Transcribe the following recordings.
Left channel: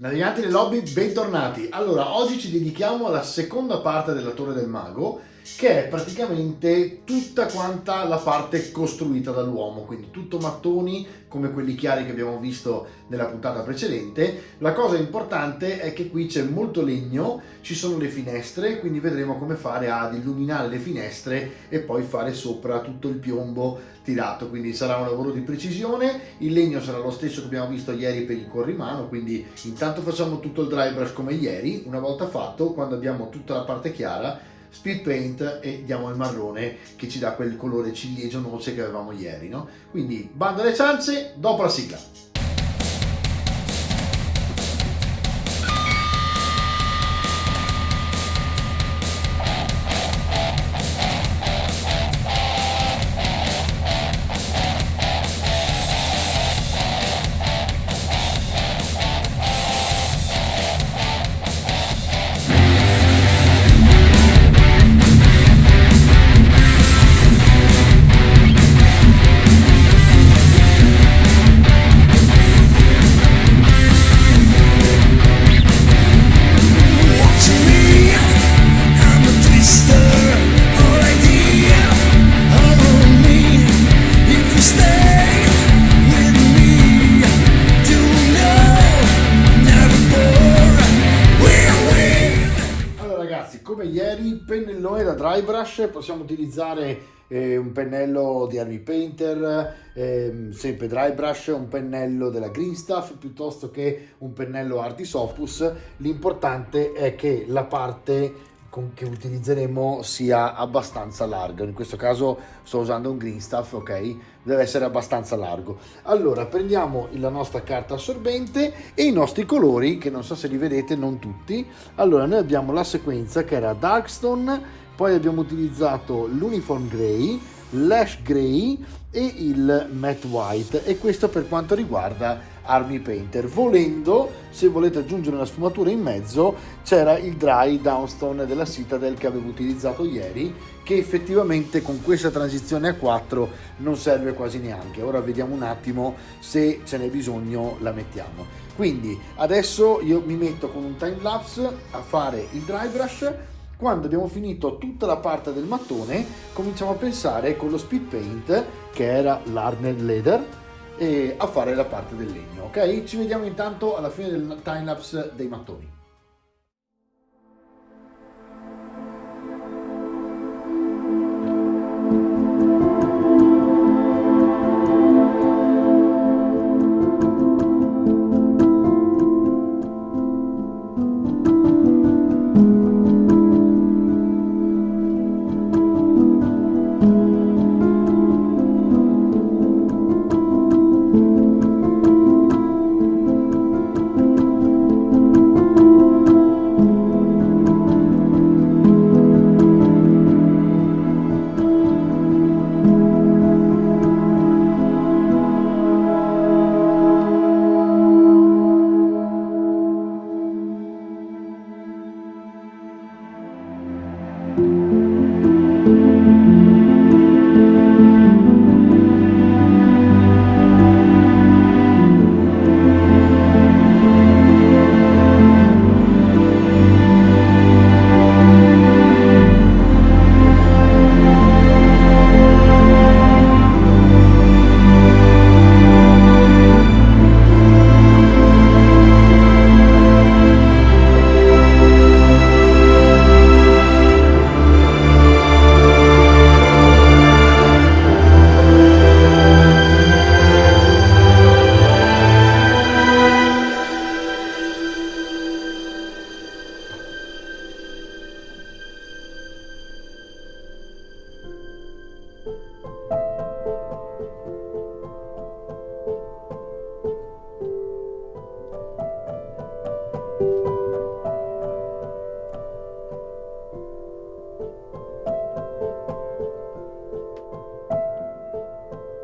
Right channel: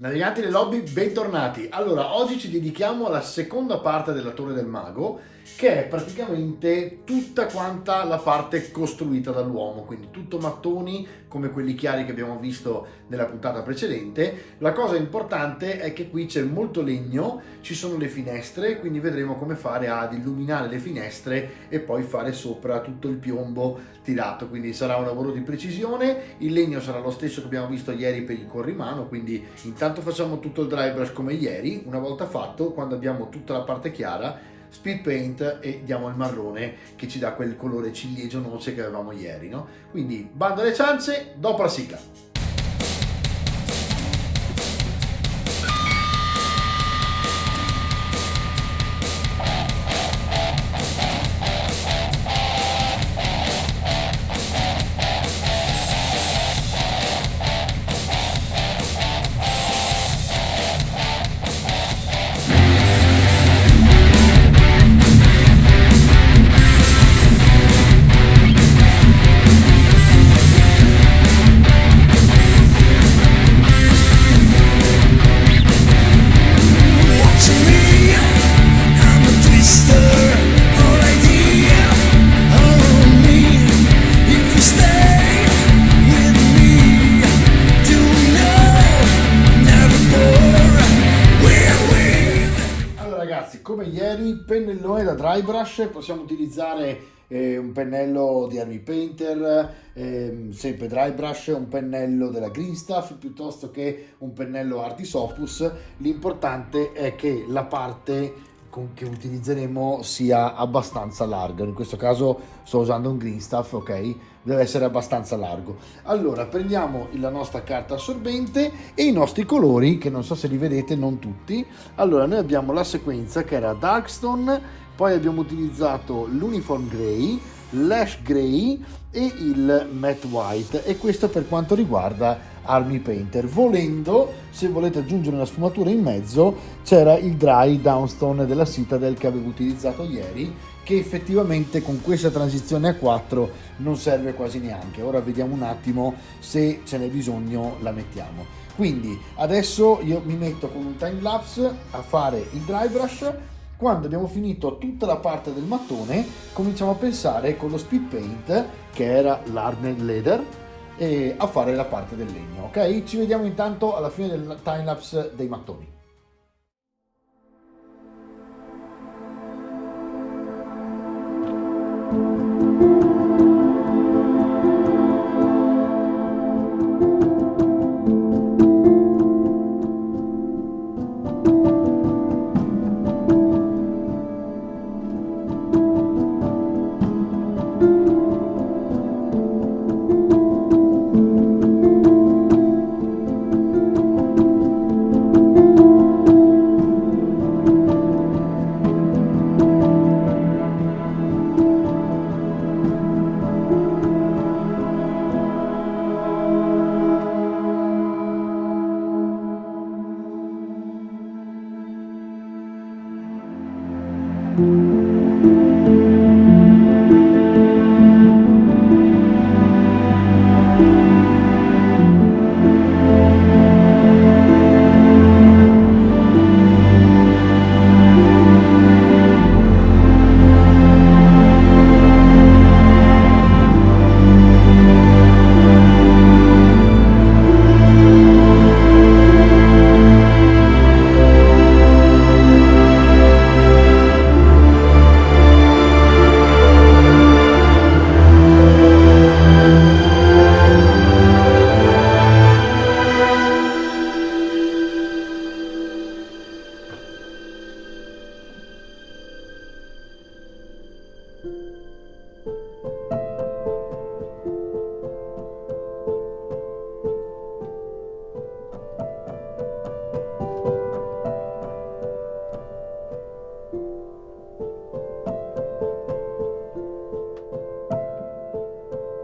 Naviganti del lobby, bentornati. Allora, oggi ci dedichiamo alla seconda parte della Torre del Mago, che è praticamente tutta quanta la parte costruita dall'uomo, quindi tutto mattoni come quelli chiari che abbiamo visto nella puntata precedente. La cosa importante è che qui c'è molto legno, ci sono le finestre, quindi vedremo come fare ad illuminare le finestre e poi fare sopra tutto il piombo tirato, quindi sarà un lavoro di precisione. Il legno sarà lo stesso che abbiamo visto ieri per il corrimano, quindi intanto facciamo tutto il dry brush come ieri. Una volta fatto, quando abbiamo tutta la parte chiara, speed paint e diamo il marrone che ci dà quel colore ciliegio noce che avevamo ieri, no? Quindi bando alle ciance, dopo la sigla. Come ieri, pennellone da dry brush, possiamo utilizzare un pennello di Army Painter, sempre dry brush, un pennello della Green Stuff piuttosto che un pennello Artis Opus. L'importante è che la parte che utilizzeremo sia abbastanza larga. In questo caso sto usando un Green Stuff, ok? Deve essere abbastanza largo. Allora prendiamo la nostra carta assorbente e i nostri colori, che non so se li vedete, non tutti. Allora noi abbiamo la sequenza che era Darkstone, poi abbiamo utilizzato l'Uniform Grey, l'Ash Grey e il Matte White, e questo per quanto riguarda Army Painter. Volendo, se volete aggiungere una sfumatura in mezzo, c'era il Dry Downstone della Citadel che avevo utilizzato ieri, che effettivamente con questa transizione a 4 non serve quasi neanche. Ora vediamo un attimo, se ce n'è bisogno la mettiamo. Quindi adesso io mi metto con un time lapse a fare il dry brush. Quando abbiamo finito tutta la parte del mattone, cominciamo a pensare con lo speed paint, che era l'Hardened Leather, e a fare la parte del legno. Ok, ci vediamo intanto alla fine del timelapse dei mattoni.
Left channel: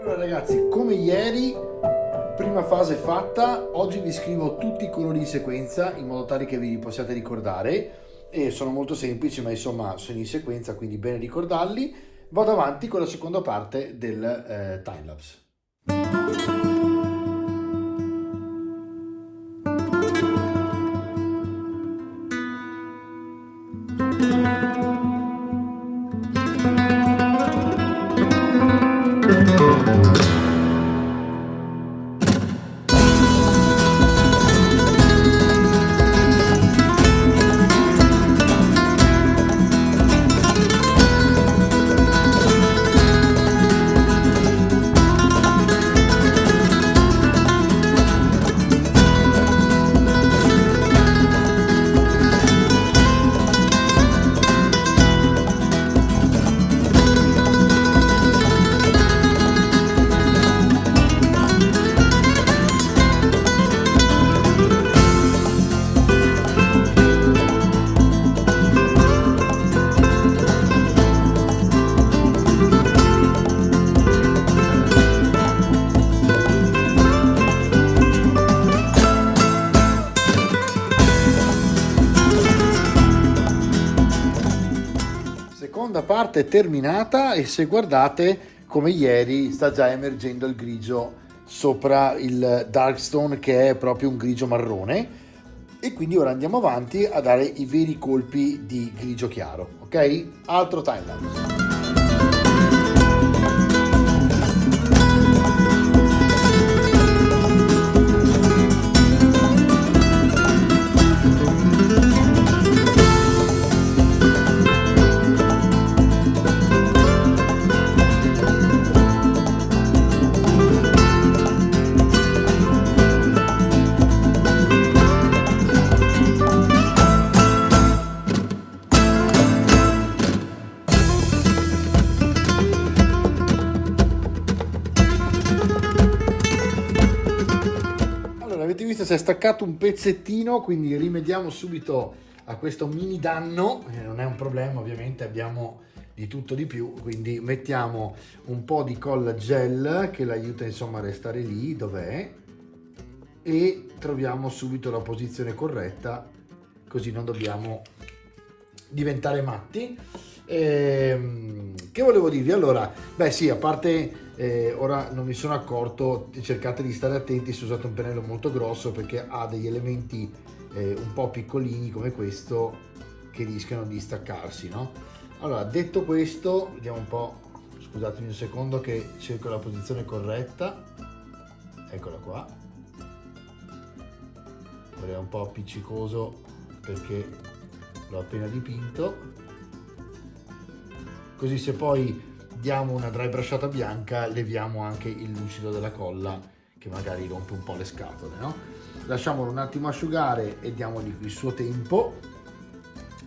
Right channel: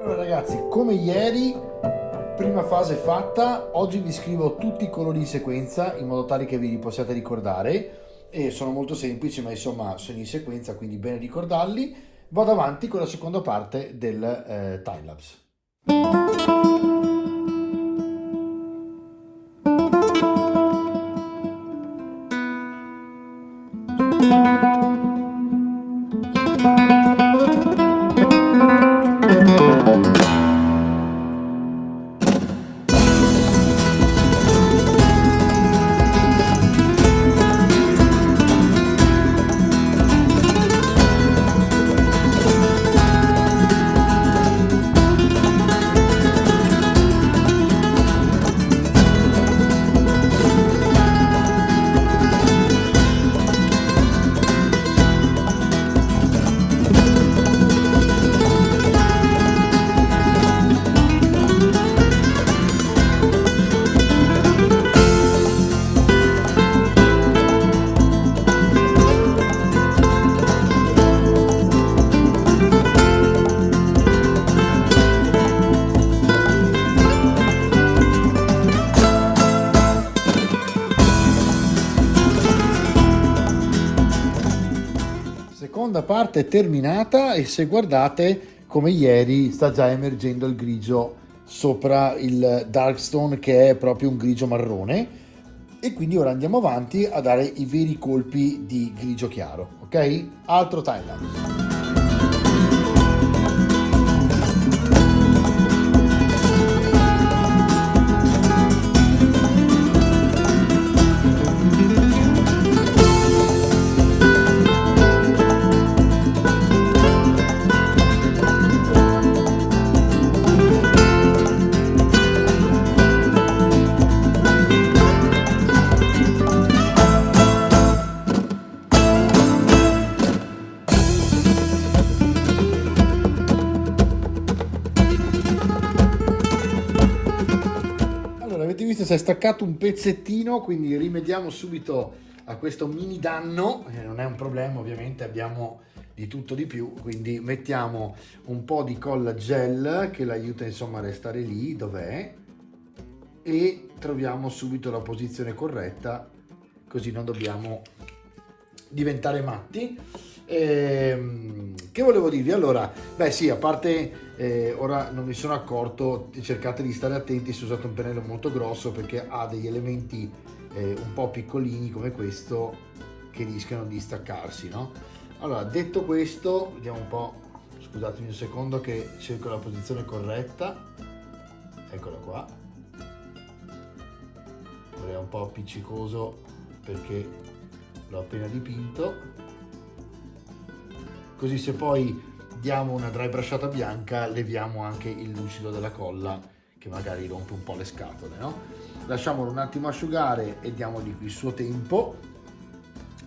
Allora ragazzi, come ieri, prima fase fatta. Oggi vi scrivo tutti i colori in sequenza in modo tale che vi li possiate ricordare, e sono molto semplici, ma insomma sono in sequenza, quindi bene ricordarli. Vado avanti con la seconda parte del timelapse. Seconda parte è terminata e se guardate come ieri sta già emergendo il grigio sopra il Darkstone, che è proprio un grigio marrone, e quindi ora andiamo avanti a dare i veri colpi di grigio chiaro, ok? Altro timelapse. Avete visto, si è staccato un pezzettino, quindi rimediamo subito a questo mini danno. Non è un problema, ovviamente abbiamo di tutto di più, quindi mettiamo un po' di colla gel che l'aiuta insomma a restare lì dov'è e troviamo subito la posizione corretta, così non dobbiamo diventare matti. Che volevo dirvi? Allora, beh sì, a parte ora non mi sono accorto, cercate di stare attenti se usate un pennello molto grosso, perché ha degli elementi un po' piccolini come questo che rischiano di staccarsi, no? Allora, detto questo, vediamo un po', scusatemi un secondo che cerco la posizione corretta, eccola qua. Ora è un po' appiccicoso perché l'ho appena dipinto. Così se poi diamo una dry brushata bianca leviamo anche il lucido della colla che magari rompe un po' le scatole, no? Lasciamolo un attimo asciugare e diamogli il suo tempo.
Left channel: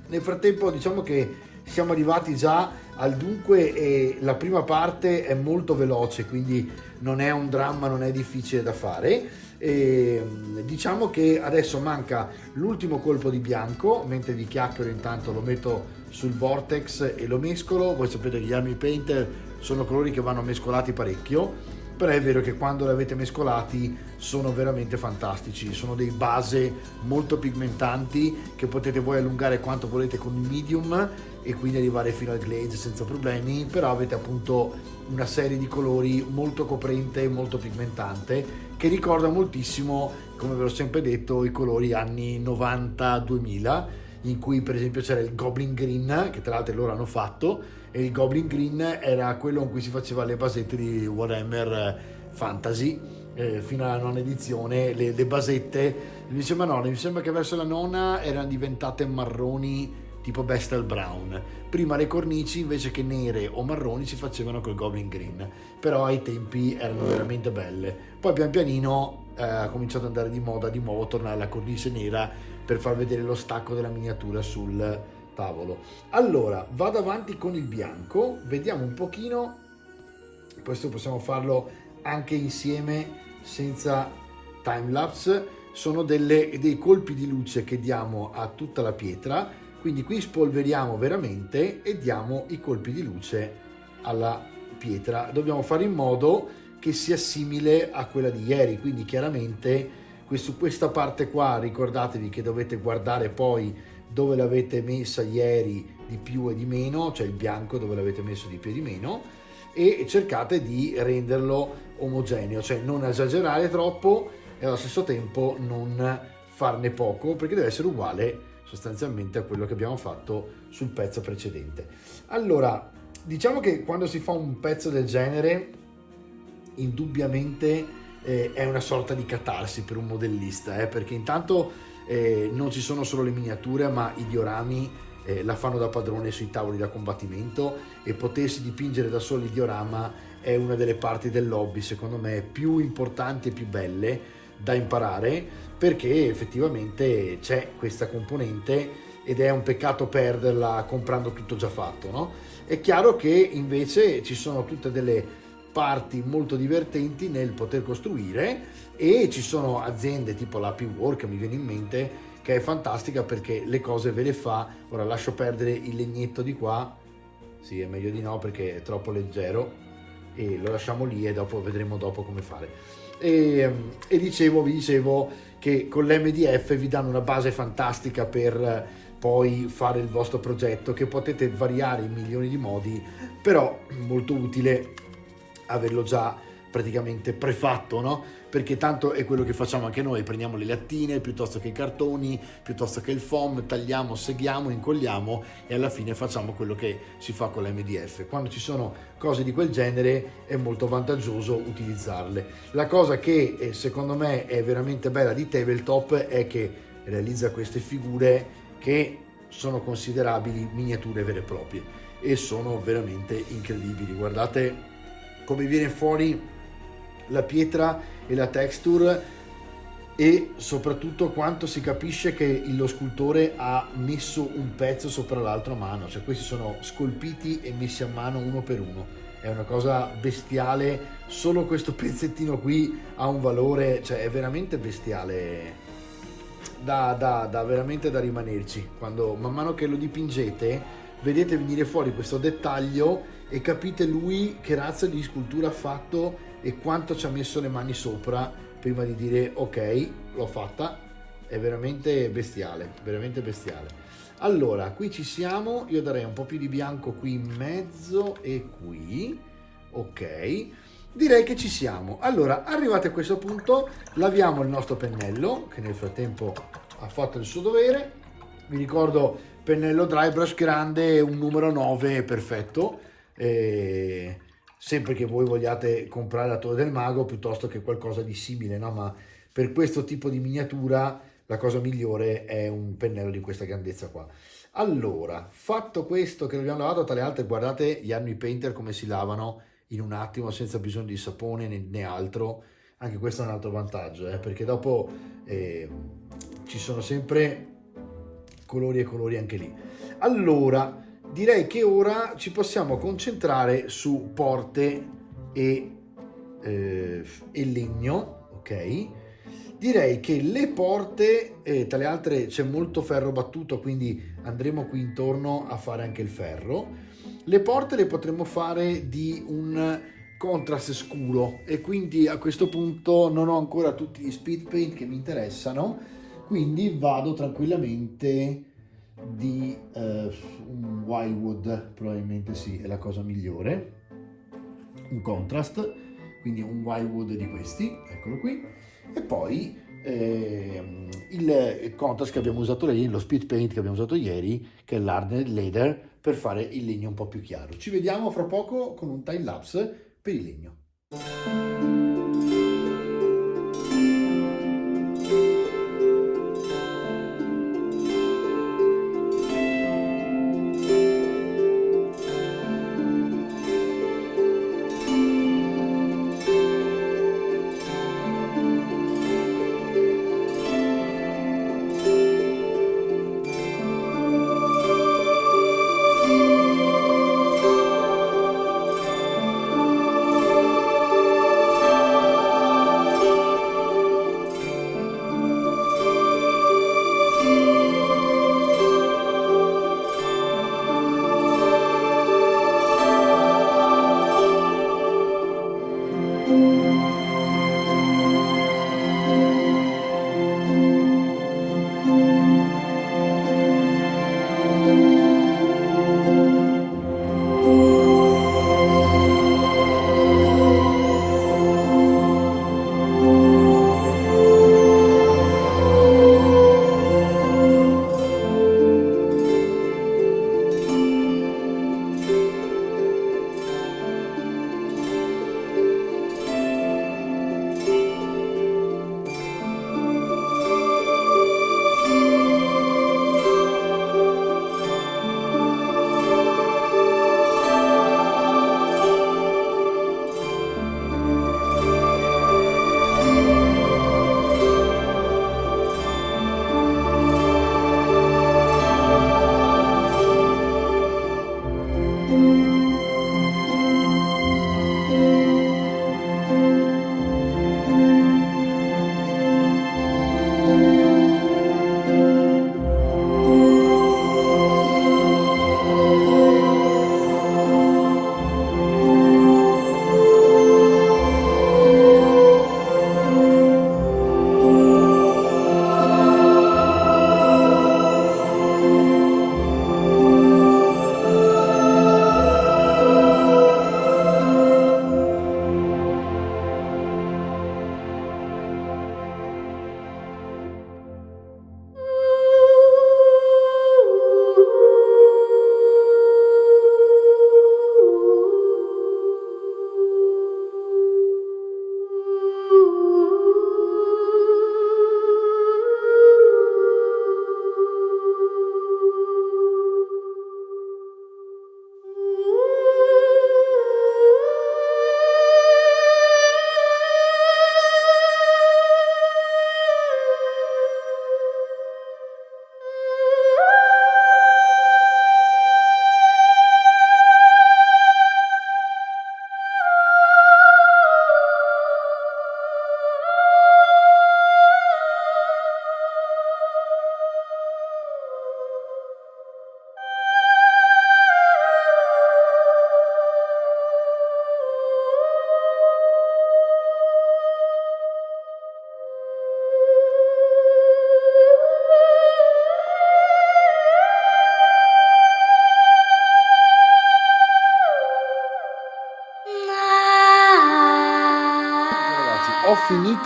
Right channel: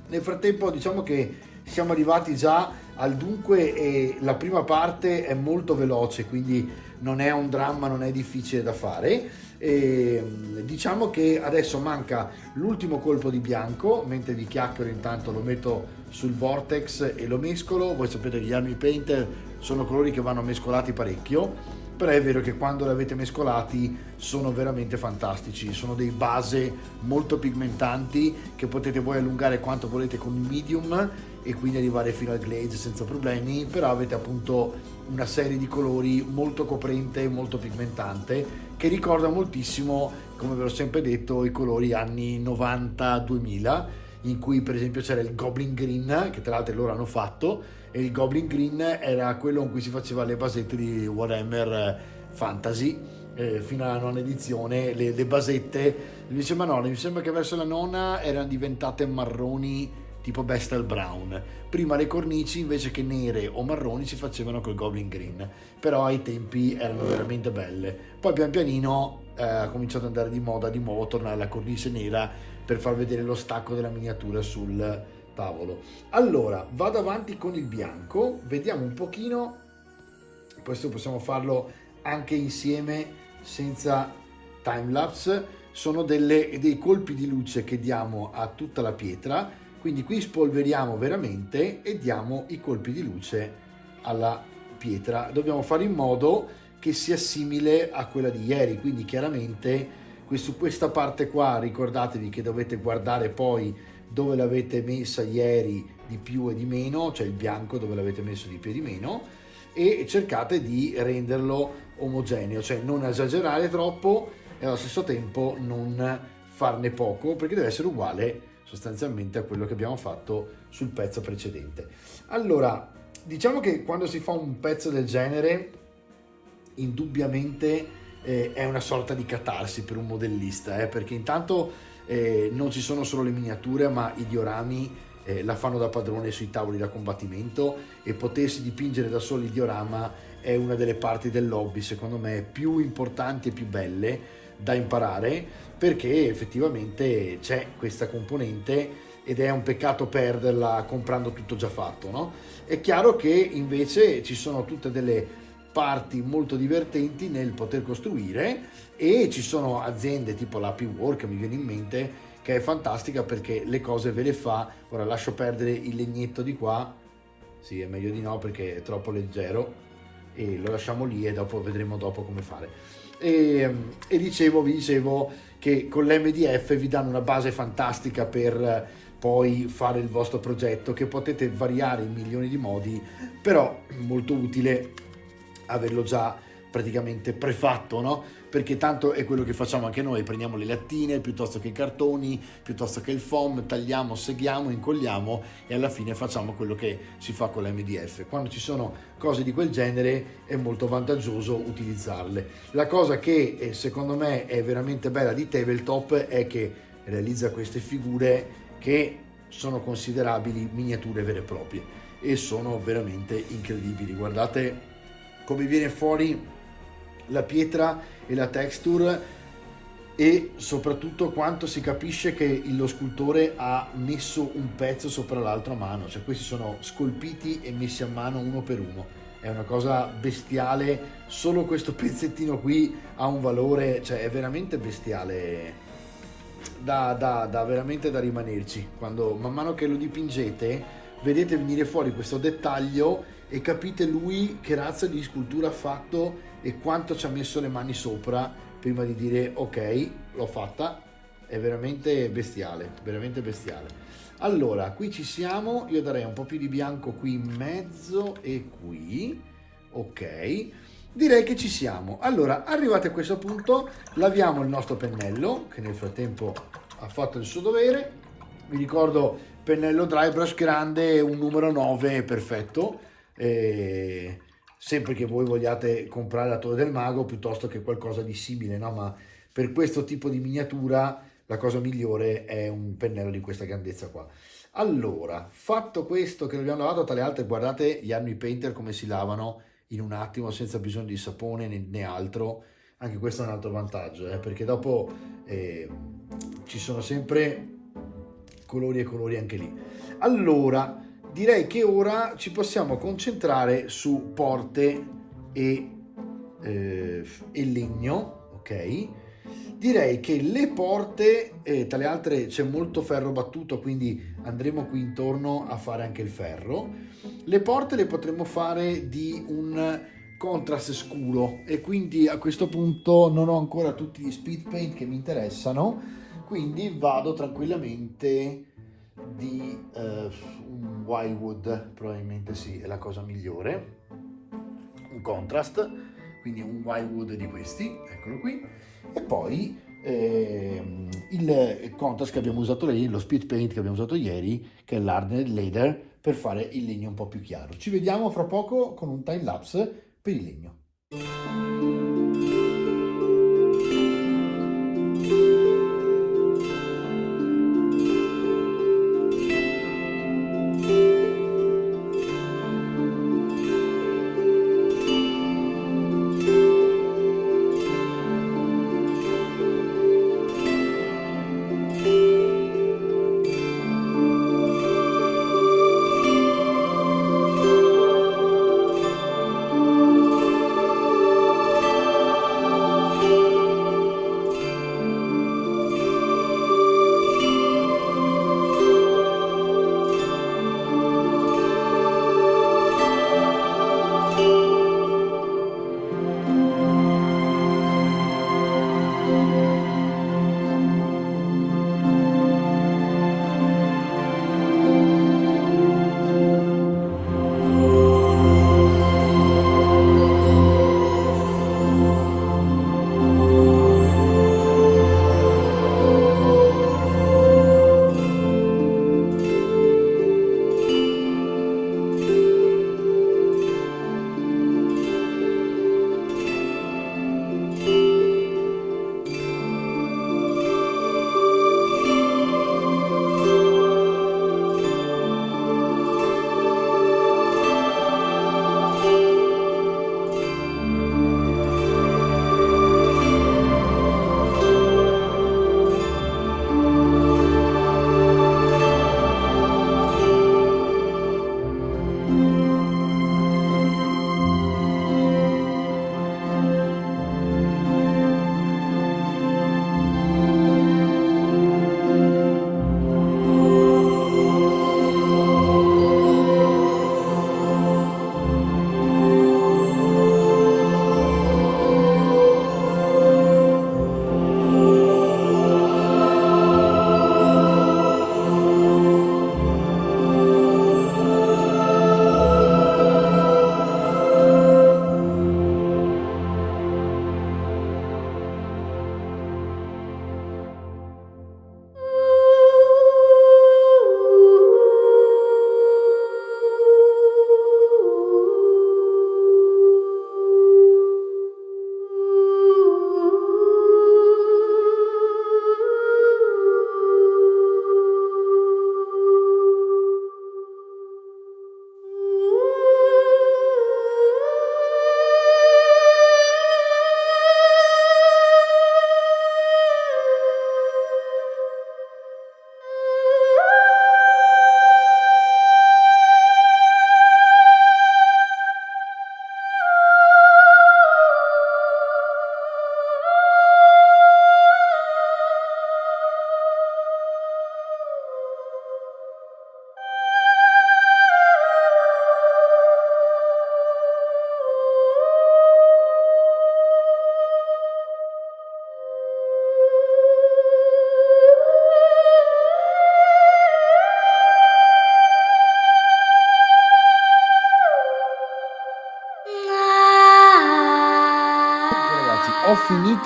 Nel frattempo diciamo che siamo arrivati già al dunque e la prima parte è molto veloce, quindi non è un dramma, non è difficile da fare. E diciamo che adesso manca l'ultimo colpo di bianco, mentre vi chiacchiero intanto lo metto sul vortex e lo mescolo. Voi sapete che gli Army Painter sono colori che vanno mescolati parecchio, però è vero che quando li avete mescolati sono veramente fantastici, sono dei base molto pigmentanti che potete voi allungare quanto volete con il medium e quindi arrivare fino al glaze senza problemi, però avete appunto una serie di colori molto coprente e molto pigmentante che ricorda moltissimo, come ve l'ho sempre detto, i colori anni 90-2000, in cui per esempio c'era il Goblin Green, che tra l'altro loro hanno fatto, e il Goblin Green era quello con cui si faceva le basette di Warhammer Fantasy, fino alla nona edizione, le basette, mi sembra che verso la nona erano diventate marroni tipo Bestel Brown. Prima le cornici invece che nere o marroni si facevano col Goblin Green, però ai tempi erano veramente belle. Poi pian pianino ha cominciato ad andare di moda di nuovo tornare alla cornice nera per far vedere lo stacco della miniatura sul tavolo. Allora vado avanti con il bianco, vediamo un pochino, questo possiamo farlo anche insieme senza timelapse. Sono dei colpi di luce che diamo a tutta la pietra, quindi qui spolveriamo veramente e diamo i colpi di luce alla pietra. Dobbiamo fare in modo che sia simile a quella di ieri, quindi chiaramente su questa parte qua ricordatevi che dovete guardare poi dove l'avete messa ieri di più e di meno, cioè il bianco dove l'avete messo di più e di meno, e cercate di renderlo omogeneo, cioè non esagerare troppo e allo stesso tempo non farne poco, perché deve essere uguale sostanzialmente a quello che abbiamo fatto sul pezzo precedente. Allora, diciamo che quando si fa un pezzo del genere, indubbiamente è una sorta di catarsi per un modellista, perché intanto non ci sono solo le miniature, ma i diorami la fanno da padrone sui tavoli da combattimento, e potersi dipingere da soli il diorama è una delle parti dell'hobby, secondo me, più importanti e più belle da imparare, perché effettivamente c'è questa componente ed è un peccato perderla comprando tutto già fatto, no? È chiaro che invece ci sono tutte delle parti molto divertenti nel poter costruire, e ci sono aziende tipo la P-Work, mi viene in mente, che è fantastica perché le cose ve le fa. Ora lascio perdere il legnetto di qua, sì, è meglio di no perché è troppo leggero, e lo lasciamo lì e dopo vedremo dopo come fare. Vi dicevo che con l'MDF vi danno una base fantastica per poi fare il vostro progetto, che potete variare in milioni di modi, però molto utile averlo già praticamente prefatto, no? Perché tanto è quello che facciamo anche noi: prendiamo le lattine piuttosto che i cartoni, piuttosto che il foam, tagliamo, seghiamo, incolliamo e alla fine facciamo quello che si fa con l'MDF. Quando ci sono cose di quel genere è molto vantaggioso utilizzarle. La cosa che secondo me è veramente bella di Tabletop è che realizza queste figure che sono considerabili miniature vere e proprie e sono veramente incredibili. Guardate come viene fuori la pietra e la texture, e soprattutto quanto si capisce che lo scultore ha messo un pezzo sopra l'altro a mano, cioè questi sono scolpiti e messi a mano uno per uno. È una cosa bestiale, solo questo pezzettino qui ha un valore, cioè è veramente bestiale, da veramente da rimanerci. Quando man mano che lo dipingete vedete venire fuori questo dettaglio e capite lui che razza di scultura ha fatto e quanto ci ha messo le mani sopra prima di dire ok, l'ho fatta. È veramente bestiale, veramente bestiale. Allora, qui ci siamo, io darei un po' più di bianco qui in mezzo e qui, ok, direi che ci siamo. Allora, arrivati a questo punto, laviamo il nostro pennello, che nel frattempo ha fatto il suo dovere. Vi ricordo, pennello dry brush grande, un numero 9, perfetto. Sempre che voi vogliate comprare la Torre del Mago piuttosto che qualcosa di simile, no? Ma per questo tipo di miniatura la cosa migliore è un pennello di questa grandezza qua. Allora, fatto questo che l'abbiamo lavato, tra le altre, guardate gli Army Painter come si lavano in un attimo senza bisogno di sapone né altro. Anche questo è un altro vantaggio, perché dopo ci sono sempre colori e colori anche lì. Allora, direi che ora ci possiamo concentrare su porte e legno, ok? Direi che le porte, tra le altre c'è molto ferro battuto, quindi andremo qui intorno a fare anche il ferro. Le porte le potremo fare di un contrast scuro, e quindi a questo punto non ho ancora tutti gli speed paint che mi interessano, quindi vado tranquillamente di un Wildwood, probabilmente sì, è la cosa migliore, un contrast, quindi un Wildwood di questi, eccolo qui, e poi il contrast che abbiamo usato ieri, lo speed paint che abbiamo usato ieri, che è l'Hardened Leather, per fare il legno un po' più chiaro. Ci vediamo fra poco con un time lapse per il legno.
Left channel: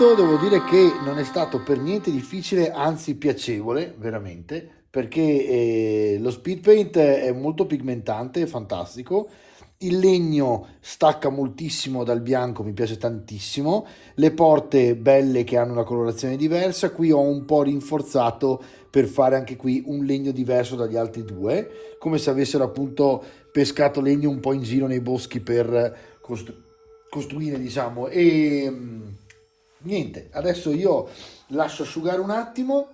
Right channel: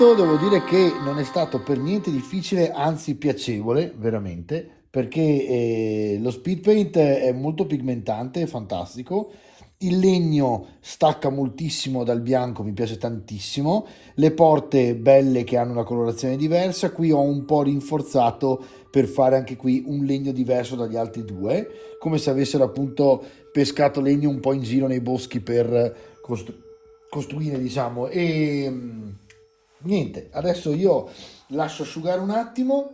l'argento devo dire che non è stato per niente difficile, anzi piacevole, veramente, perché lo speed paint è molto pigmentante, è fantastico. Il legno stacca moltissimo dal bianco, mi piace tantissimo. Le porte belle che hanno una colorazione diversa. Qui ho un po' rinforzato per fare anche qui un legno diverso dagli altri due, come se avessero appunto pescato legno un po' in giro nei boschi per costruire, diciamo. E niente, adesso io lascio asciugare un attimo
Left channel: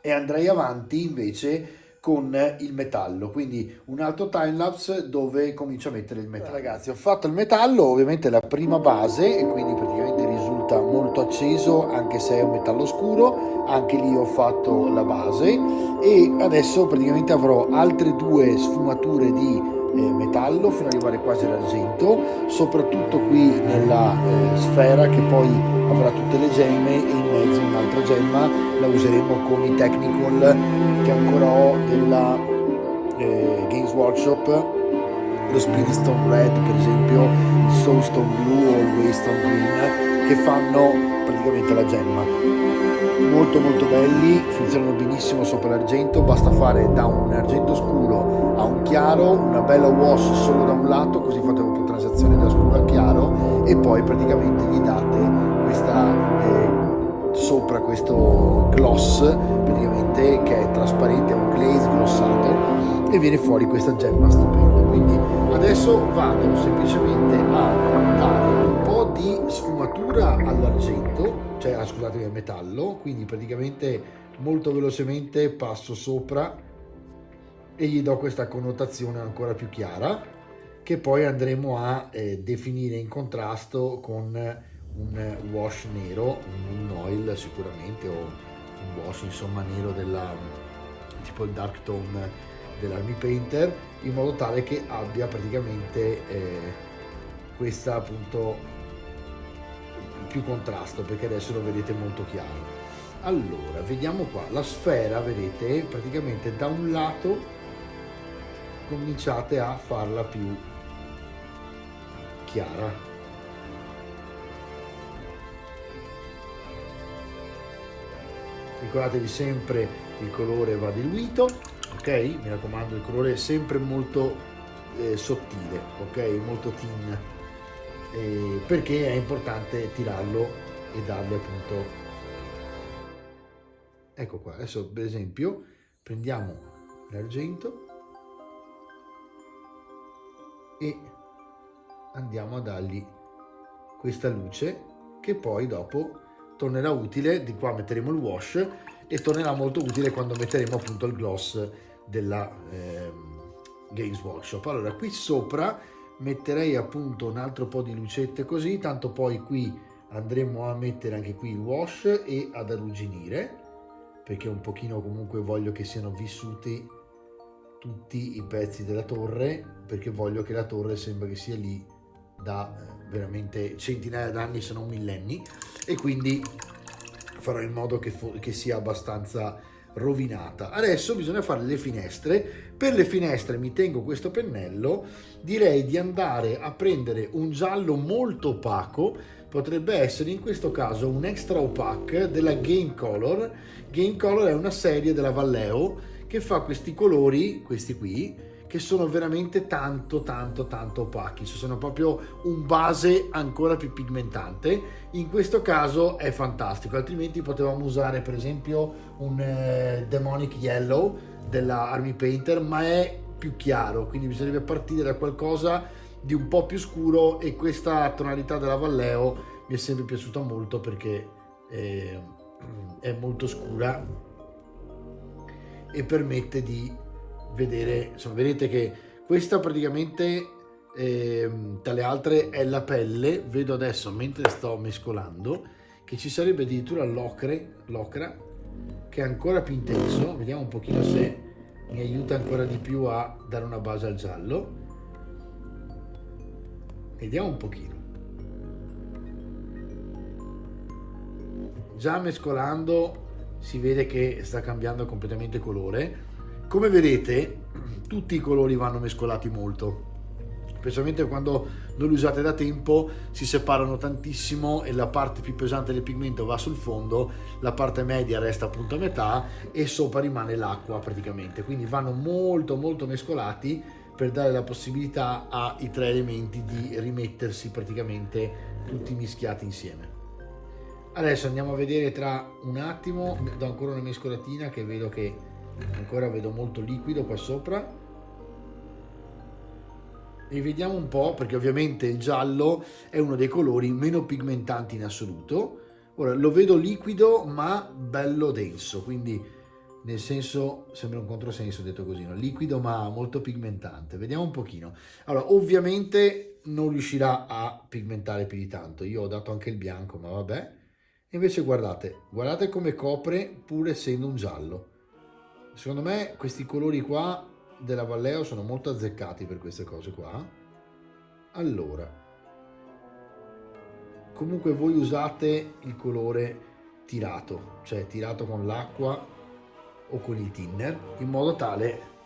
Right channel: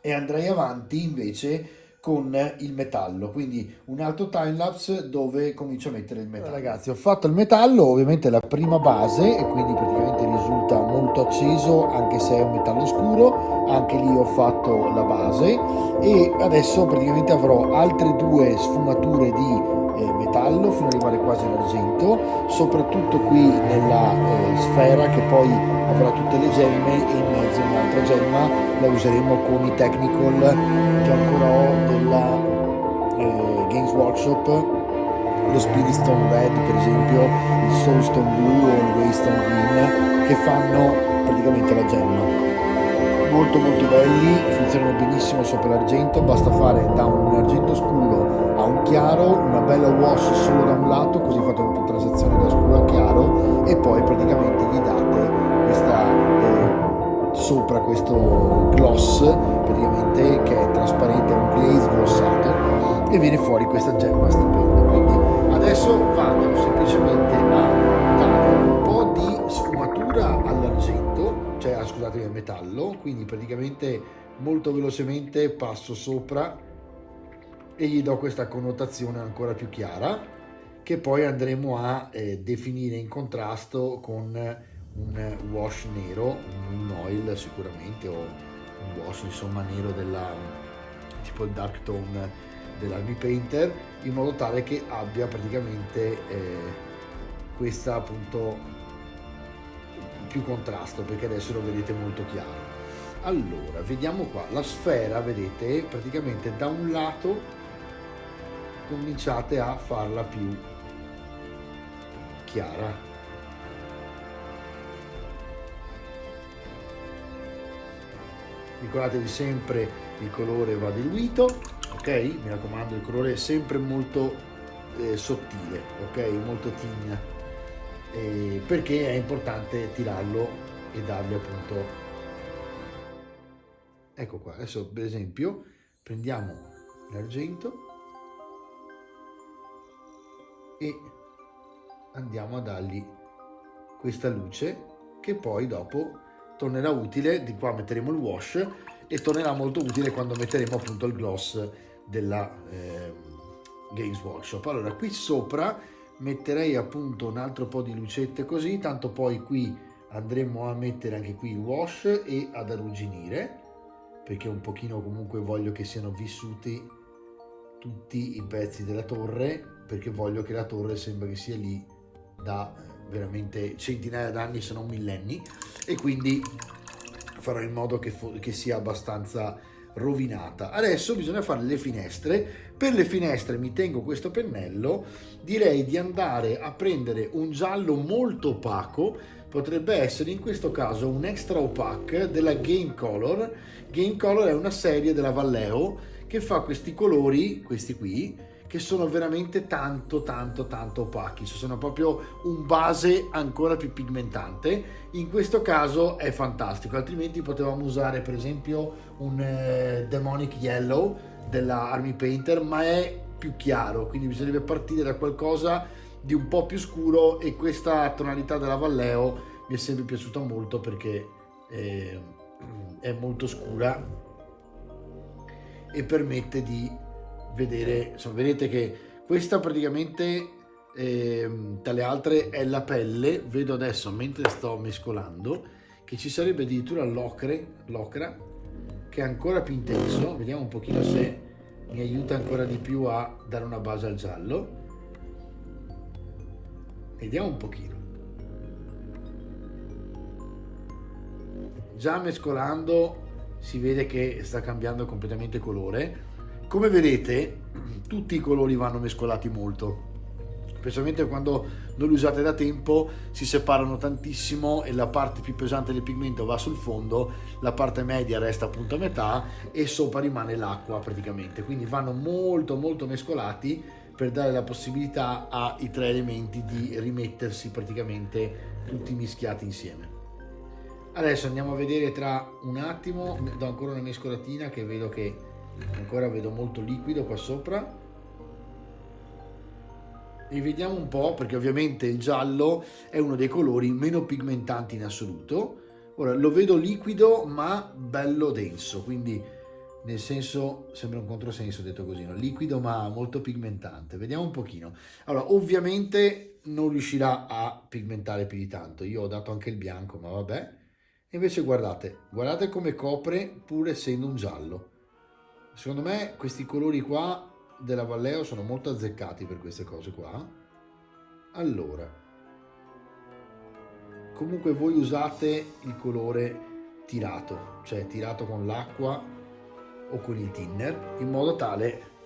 e andrei avanti invece con il metallo, quindi un altro timelapse dove comincio a mettere il metallo. Ragazzi, ho fatto il metallo, ovviamente la prima base, e quindi praticamente risulta molto acceso anche se è un metallo scuro. Anche lì ho fatto la base e adesso praticamente avrò altre due sfumature di metallo fino ad arrivare quasi all'argento, soprattutto qui nella sfera che poi avrà tutte le gemme, e in mezzo un'altra gemma la useremo con i technical che ancora ho della Games Workshop, lo Spirit Stone Red per esempio, il Soulstone Blue o il Waystone Green, che fanno praticamente la gemma. Molto molto belli, funzionano benissimo sopra l'argento, basta fare da un argento scuro a un chiaro una bella wash solo da un lato, così fate una transazione da scuro a chiaro e poi praticamente gli date questa sopra questo gloss praticamente che è trasparente, è un glaze glossato, e viene fuori questa gemma stupenda. Quindi adesso vado semplicemente a dare un po' di sfumatura all'argento, cioè scusatemi, al metallo, quindi praticamente molto velocemente passo sopra e gli do questa connotazione ancora più chiara, che poi andremo a definire in contrasto con un wash nero, un oil sicuramente, o un wash insomma nero della tipo il dark tone dell'Army Painter, in modo tale che abbia praticamente questa appunto più contrasto, perché adesso lo vedete molto chiaro. Allora vediamo qua la sfera, vedete praticamente da un lato cominciate a farla più chiara, ricordatevi sempre il colore va diluito, ok, mi raccomando, il colore è sempre molto sottile, ok, molto thin, perché è importante tirarlo e dargli appunto, ecco qua. Adesso per esempio prendiamo l'argento e andiamo a dargli questa luce che poi dopo tornerà utile. Di qua metteremo il wash e tornerà molto utile quando metteremo appunto il gloss della Games Workshop. Allora qui sopra metterei appunto un altro po' di lucette così, tanto poi qui andremo a mettere anche qui il wash e ad arrugginire, perché un pochino comunque voglio che siano vissuti tutti i pezzi della torre, perché voglio che la torre sembra che sia lì da veramente centinaia d'anni, se non millenni, e quindi farò in modo che sia abbastanza rovinata. Adesso bisogna fare le finestre. Per le finestre mi tengo questo pennello, direi di andare a prendere un giallo molto opaco, potrebbe essere in questo caso un extra opaque della Game Color. Game Color è una serie della Vallejo che fa questi colori, questi qui, che sono veramente tanto opachi, sono proprio un base ancora più pigmentante. In questo caso è fantastico, altrimenti potevamo usare per esempio un Demonic Yellow della Army Painter, ma è più chiaro, quindi bisognerebbe partire da qualcosa di un po' più scuro, e questa tonalità della Vallejo mi è sempre piaciuta molto perché è molto scura e permette di vedere, insomma, vedete che questa praticamente tra le altre è la pelle. Vedo adesso mentre sto mescolando che ci sarebbe addirittura l'ocra che è ancora più intenso. Vediamo un pochino se mi aiuta ancora di più a dare una base al giallo. Vediamo un pochino. Già mescolando si vede che sta cambiando completamente colore. Come vedete tutti i colori vanno mescolati molto, specialmente quando non li usate da tempo, si separano tantissimo e la parte più pesante del pigmento va sul fondo, la parte media resta appunto a metà e sopra rimane l'acqua praticamente, quindi vanno molto molto mescolati per dare la possibilità ai tre elementi di rimettersi praticamente tutti mischiati insieme. Adesso andiamo a vedere tra un attimo, do ancora una mescolatina che vedo che ancora vedo molto liquido qua sopra e vediamo un po', perché ovviamente il giallo è uno dei colori meno pigmentanti in assoluto. Ora lo vedo liquido ma bello denso, quindi nel senso sembra un controsenso detto così, no? Liquido ma molto pigmentante. Vediamo un pochino. Allora ovviamente non riuscirà a pigmentare più di tanto, io ho dato anche il bianco ma vabbè. Invece guardate come copre pur essendo un giallo. Secondo me questi colori qua della Vallejo sono molto azzeccati per queste cose qua. Allora, comunque voi usate il colore tirato, cioè tirato con l'acqua o con il thinner, in modo tale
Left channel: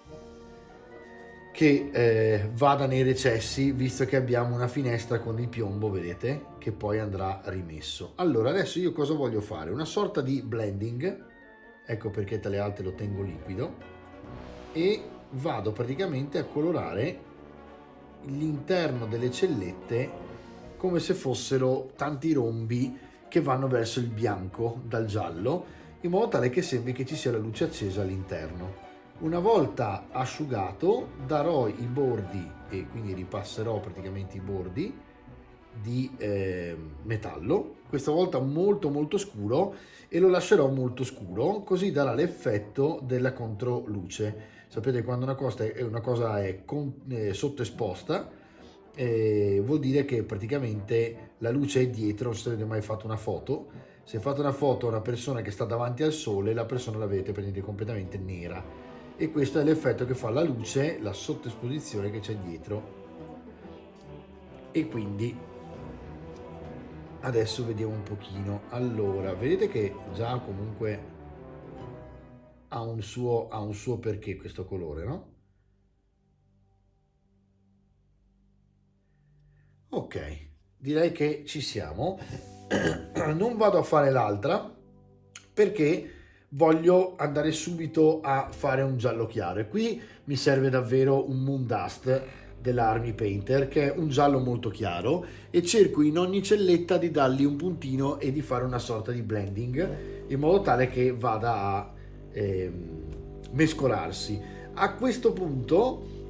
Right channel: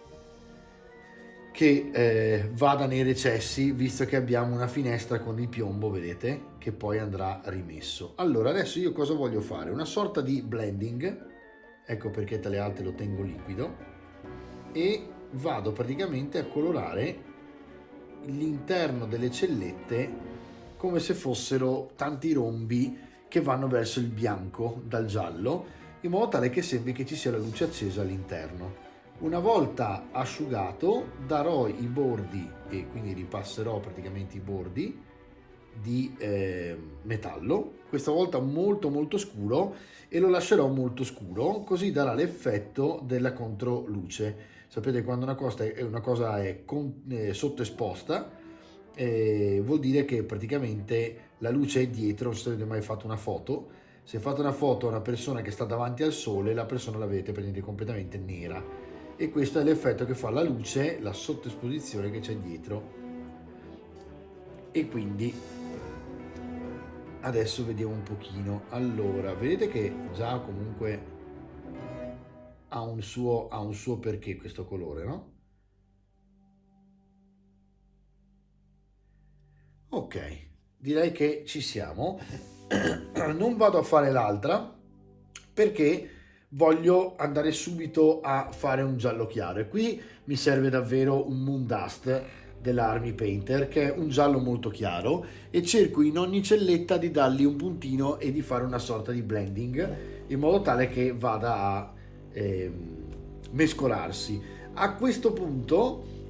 che vada nei recessi, visto che abbiamo una finestra con il piombo, vedete, che poi andrà rimesso. Allora adesso io cosa voglio fare? Una sorta di blending, ecco perché tra le altre lo tengo liquido, e vado praticamente a colorare l'interno delle cellette come se fossero tanti rombi che vanno verso il bianco dal giallo, in modo tale che sembri che ci sia la luce accesa all'interno. Una volta asciugato darò i bordi e quindi ripasserò praticamente i bordi di metallo, questa volta molto molto scuro, e lo lascerò molto scuro, così darà l'effetto della controluce. Sapete, quando una cosa è sottoesposta, vuol dire che praticamente la luce è dietro. Non so se avete mai fatto una foto. Se fate una foto a una persona che sta davanti al sole, la persona la vedete praticamente completamente nera, e questo è l'effetto che fa la luce, la sottoesposizione che c'è dietro. E quindi adesso vediamo un pochino. Allora, vedete che già comunque ha un suo perché questo colore, no? Ok, direi che ci siamo. Non vado a fare l'altra perché voglio andare subito a fare un giallo chiaro, e qui mi serve davvero un Moon Dust dell'Army Painter, che è un giallo molto chiaro, e cerco in ogni celletta di dargli un puntino e di fare una sorta di blending in modo tale che vada a mescolarsi. A questo punto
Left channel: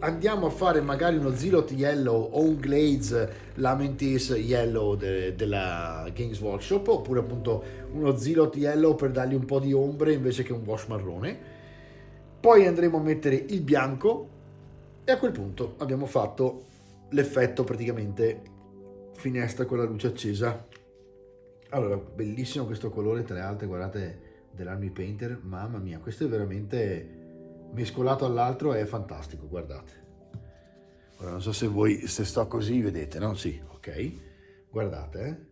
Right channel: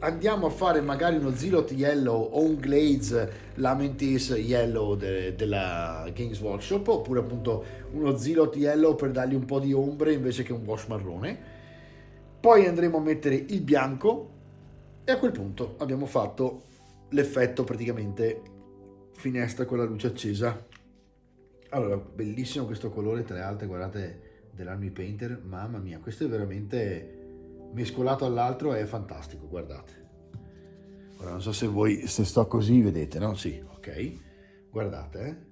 andiamo a fare magari uno Zealot Yellow o un Glaze Lamentis Yellow della Games Workshop, oppure appunto uno Zealot Yellow per dargli un po' di ombre invece che un wash marrone. Poi andremo a mettere il bianco e a quel punto abbiamo fatto l'effetto praticamente finestra con la luce accesa. Allora, bellissimo questo colore, tra le altre, guardate, dell'Army Painter, mamma mia, questo è veramente mescolato all'altro, è fantastico, guardate. Ora non so se voi, se sto così, vedete, no? Sì, ok, guardate,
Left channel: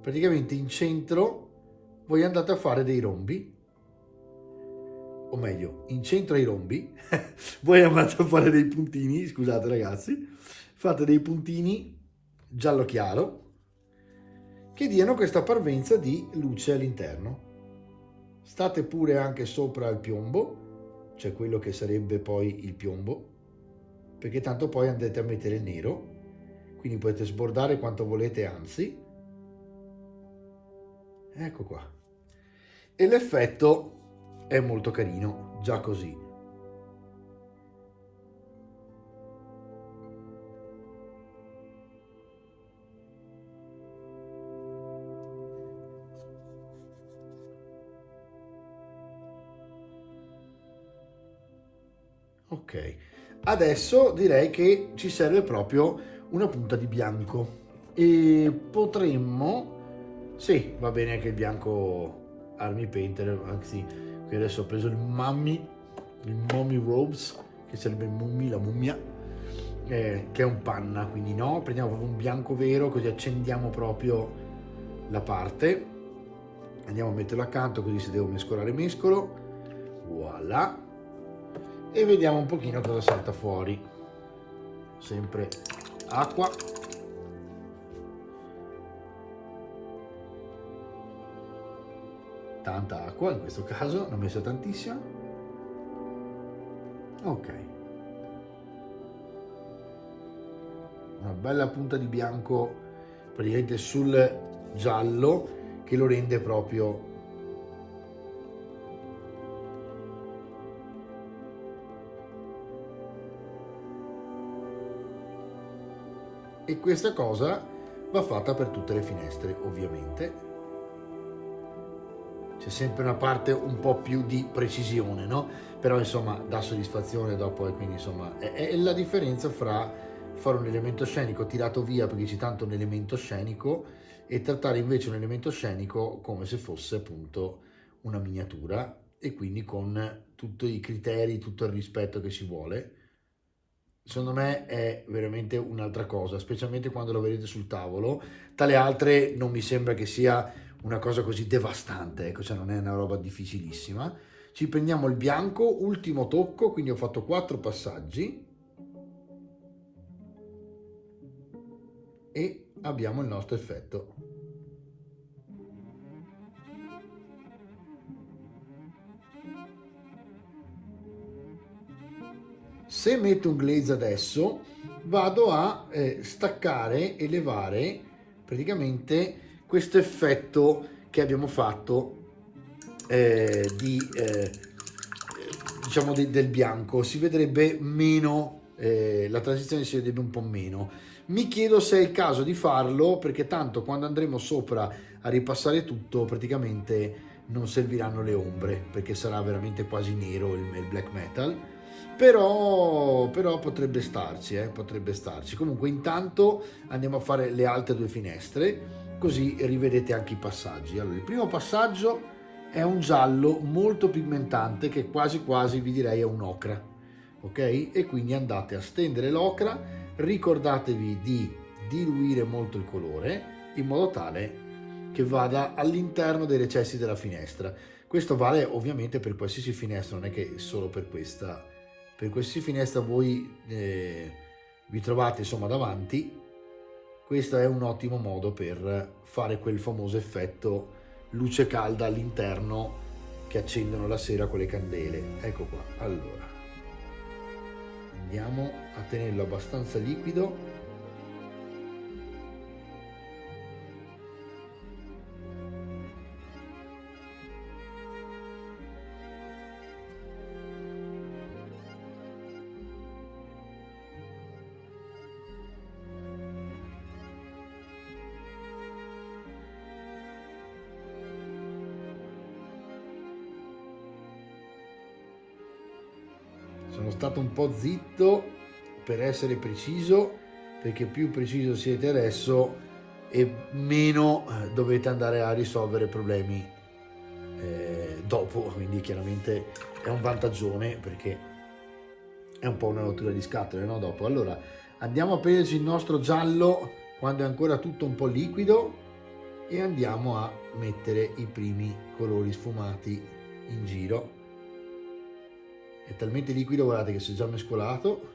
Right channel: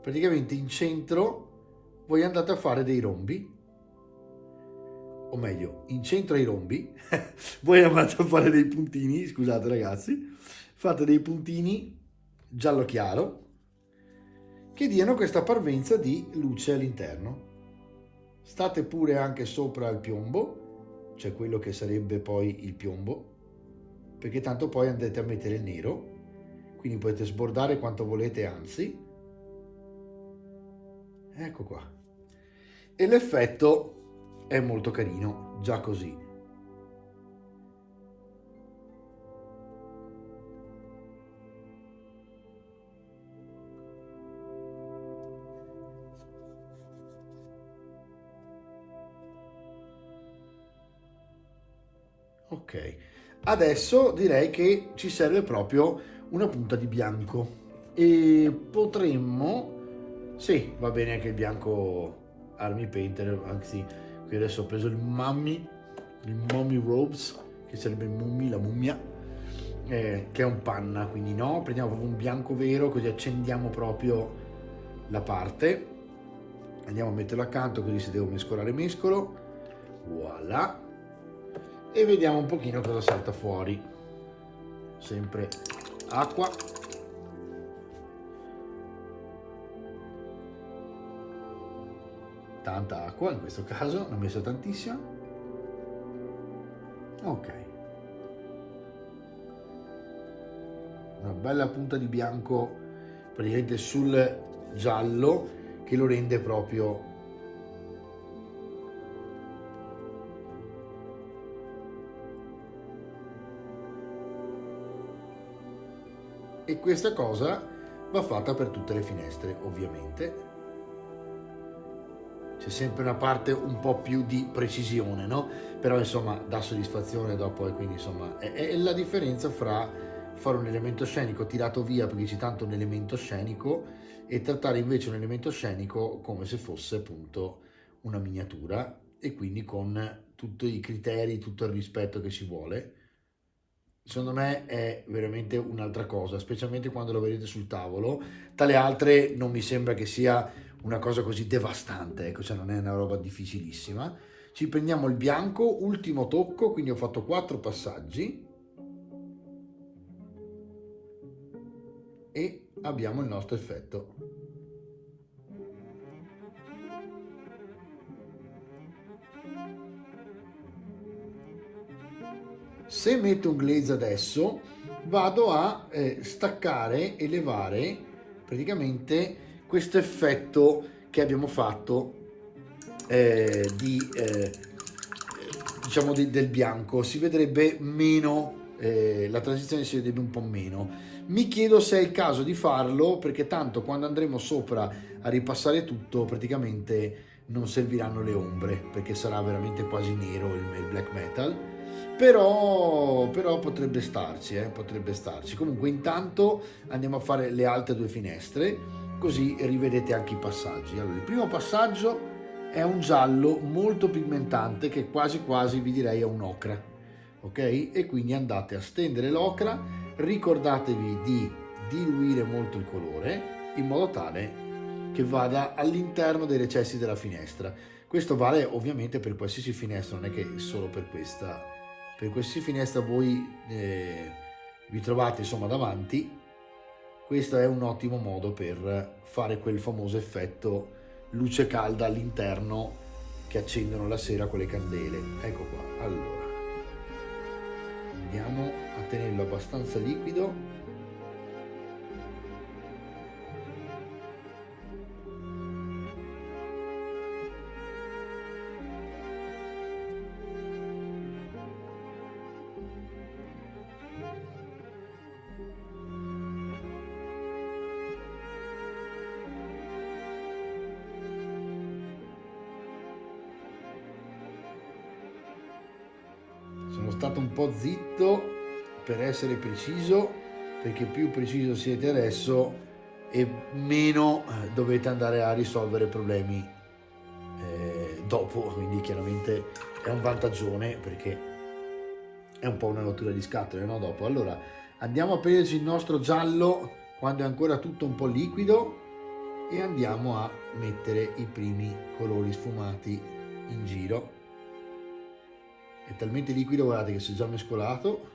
praticamente in centro voi andate a fare dei rombi, o meglio, in centro ai rombi voi andate a fare dei puntini, scusate ragazzi, fate dei puntini giallo chiaro che diano questa parvenza di luce all'interno. State pure anche sopra il piombo, cioè quello che sarebbe poi il piombo, perché tanto poi andrete a mettere il nero, quindi potete sbordare quanto volete, anzi, ecco qua, e l'effetto è molto carino già così. Ok, adesso direi che ci serve proprio una punta di bianco, e potremmo, sì, va bene anche il bianco Army Painter, anzi qui adesso ho preso il Mummy Robes, che sarebbe la mummia, che è un panna, quindi no, prendiamo proprio un bianco vero, così accendiamo proprio la parte. Andiamo a metterlo accanto, così se devo mescolare mescolo. Voilà. E vediamo un pochino cosa salta fuori. Sempre acqua. Tanta acqua in questo caso, ne ho messo tantissima. Ok. Una bella punta di bianco praticamente sul giallo che lo rende proprio e questa cosa va fatta per tutte le finestre, ovviamente. C'è sempre una parte un po' più di precisione, no? Però insomma dà soddisfazione dopo, e quindi insomma è la differenza fra fare un elemento scenico tirato via perché c'è tanto un elemento scenico e trattare invece un elemento scenico come se fosse appunto una miniatura, e quindi con tutti i criteri, tutto il rispetto che ci vuole. Secondo me è veramente un'altra cosa, specialmente quando lo vedete sul tavolo. Dalle altre non mi sembra che sia una cosa così devastante, ecco, cioè non è una roba difficilissima. Ci prendiamo il bianco, ultimo tocco, quindi ho fatto 4 passaggi e abbiamo il nostro effetto. Se metto un glaze adesso, vado a staccare e levare praticamente questo effetto che abbiamo fatto diciamo del bianco. Si vedrebbe meno, la transizione si vedrebbe un po' meno. Mi chiedo se è il caso di farlo, perché tanto quando andremo sopra a ripassare tutto praticamente non serviranno le ombre, perché sarà veramente quasi nero il black metal. Però potrebbe starci, potrebbe starci. Comunque intanto andiamo a fare le altre 2 finestre, così rivedete anche i passaggi. Allora, il primo passaggio è un giallo molto pigmentante che quasi quasi vi direi è un ocra, ok? E quindi andate a stendere l'ocra, ricordatevi di diluire molto il colore in modo tale che vada all'interno dei recessi della finestra. Questo vale ovviamente per qualsiasi finestra, non è che solo per questa. Per qualsiasi finestra voi vi trovate insomma davanti, questo è un ottimo modo per fare quel famoso effetto luce calda all'interno che accendono la sera con le candele. Ecco qua. Allora andiamo a tenerlo abbastanza liquido. Sono stato un po' zitto per essere preciso, perché più preciso siete adesso e meno dovete andare a risolvere problemi dopo, quindi chiaramente è un vantaggione, perché è un po' una rottura di scatole, no? Dopo. Allora andiamo a prenderci il nostro giallo quando è ancora tutto un po' liquido e andiamo a mettere i primi colori sfumati in giro. È talmente liquido, guardate che si è già mescolato,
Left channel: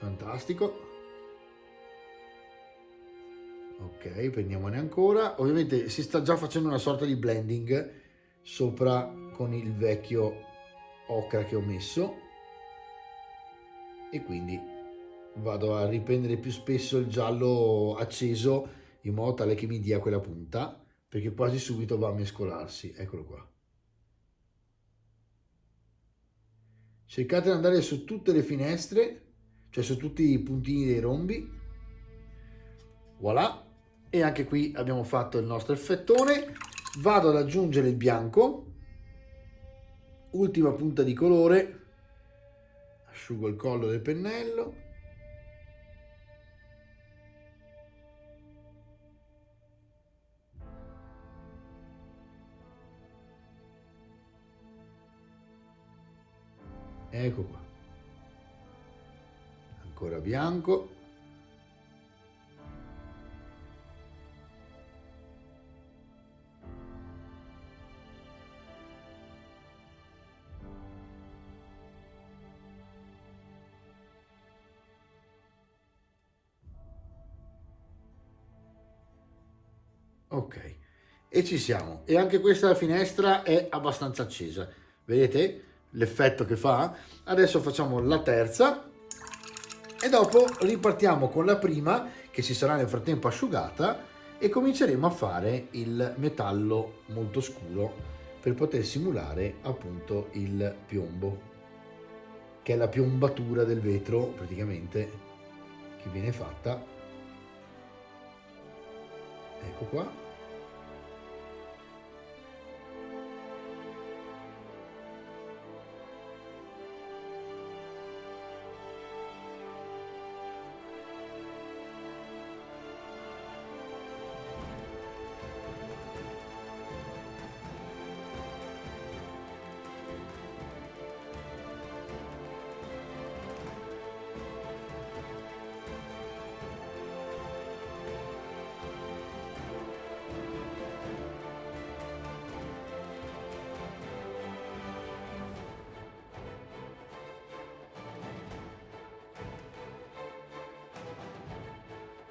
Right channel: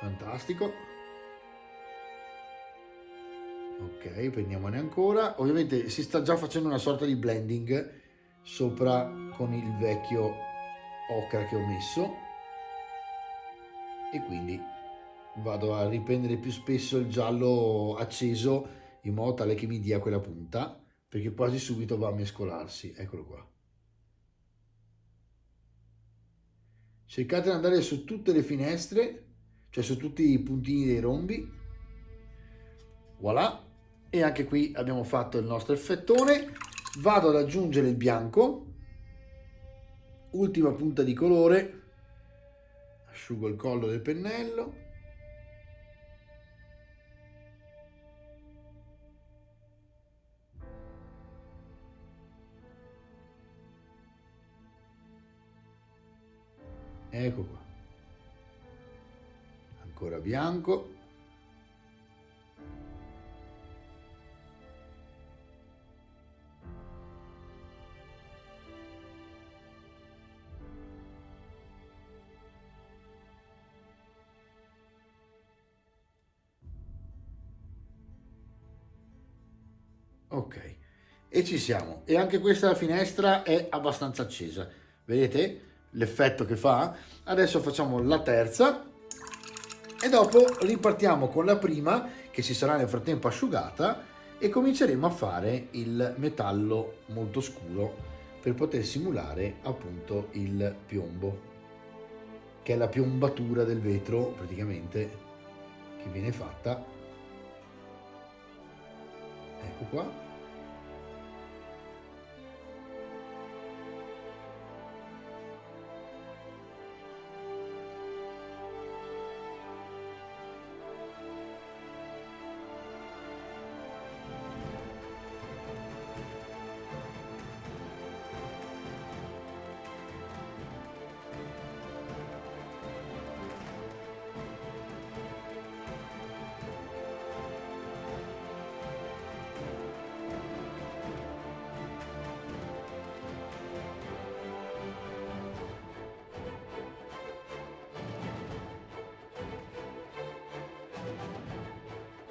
fantastico. Ok, prendiamone ancora. Ovviamente si sta già facendo una sorta di blending sopra con il vecchio ocra che ho messo, e quindi vado a riprendere più spesso il giallo acceso in modo tale che mi dia quella punta, perché quasi subito va a mescolarsi. Eccolo qua. Cercate di andare su tutte le finestre, cioè su tutti i puntini dei rombi. Voilà. E anche qui abbiamo fatto il nostro effettone. Vado ad aggiungere il bianco, ultima punta di colore, asciugo il collo del pennello, ecco qua, ancora bianco, Ok, e ci siamo. E anche questa finestra è abbastanza accesa. Vedete l'effetto che fa? Adesso facciamo la terza e dopo ripartiamo con la prima che si sarà nel frattempo asciugata e cominceremo a fare il metallo molto scuro per poter simulare appunto il piombo, che è la piombatura del vetro praticamente che viene fatta. Ecco qua.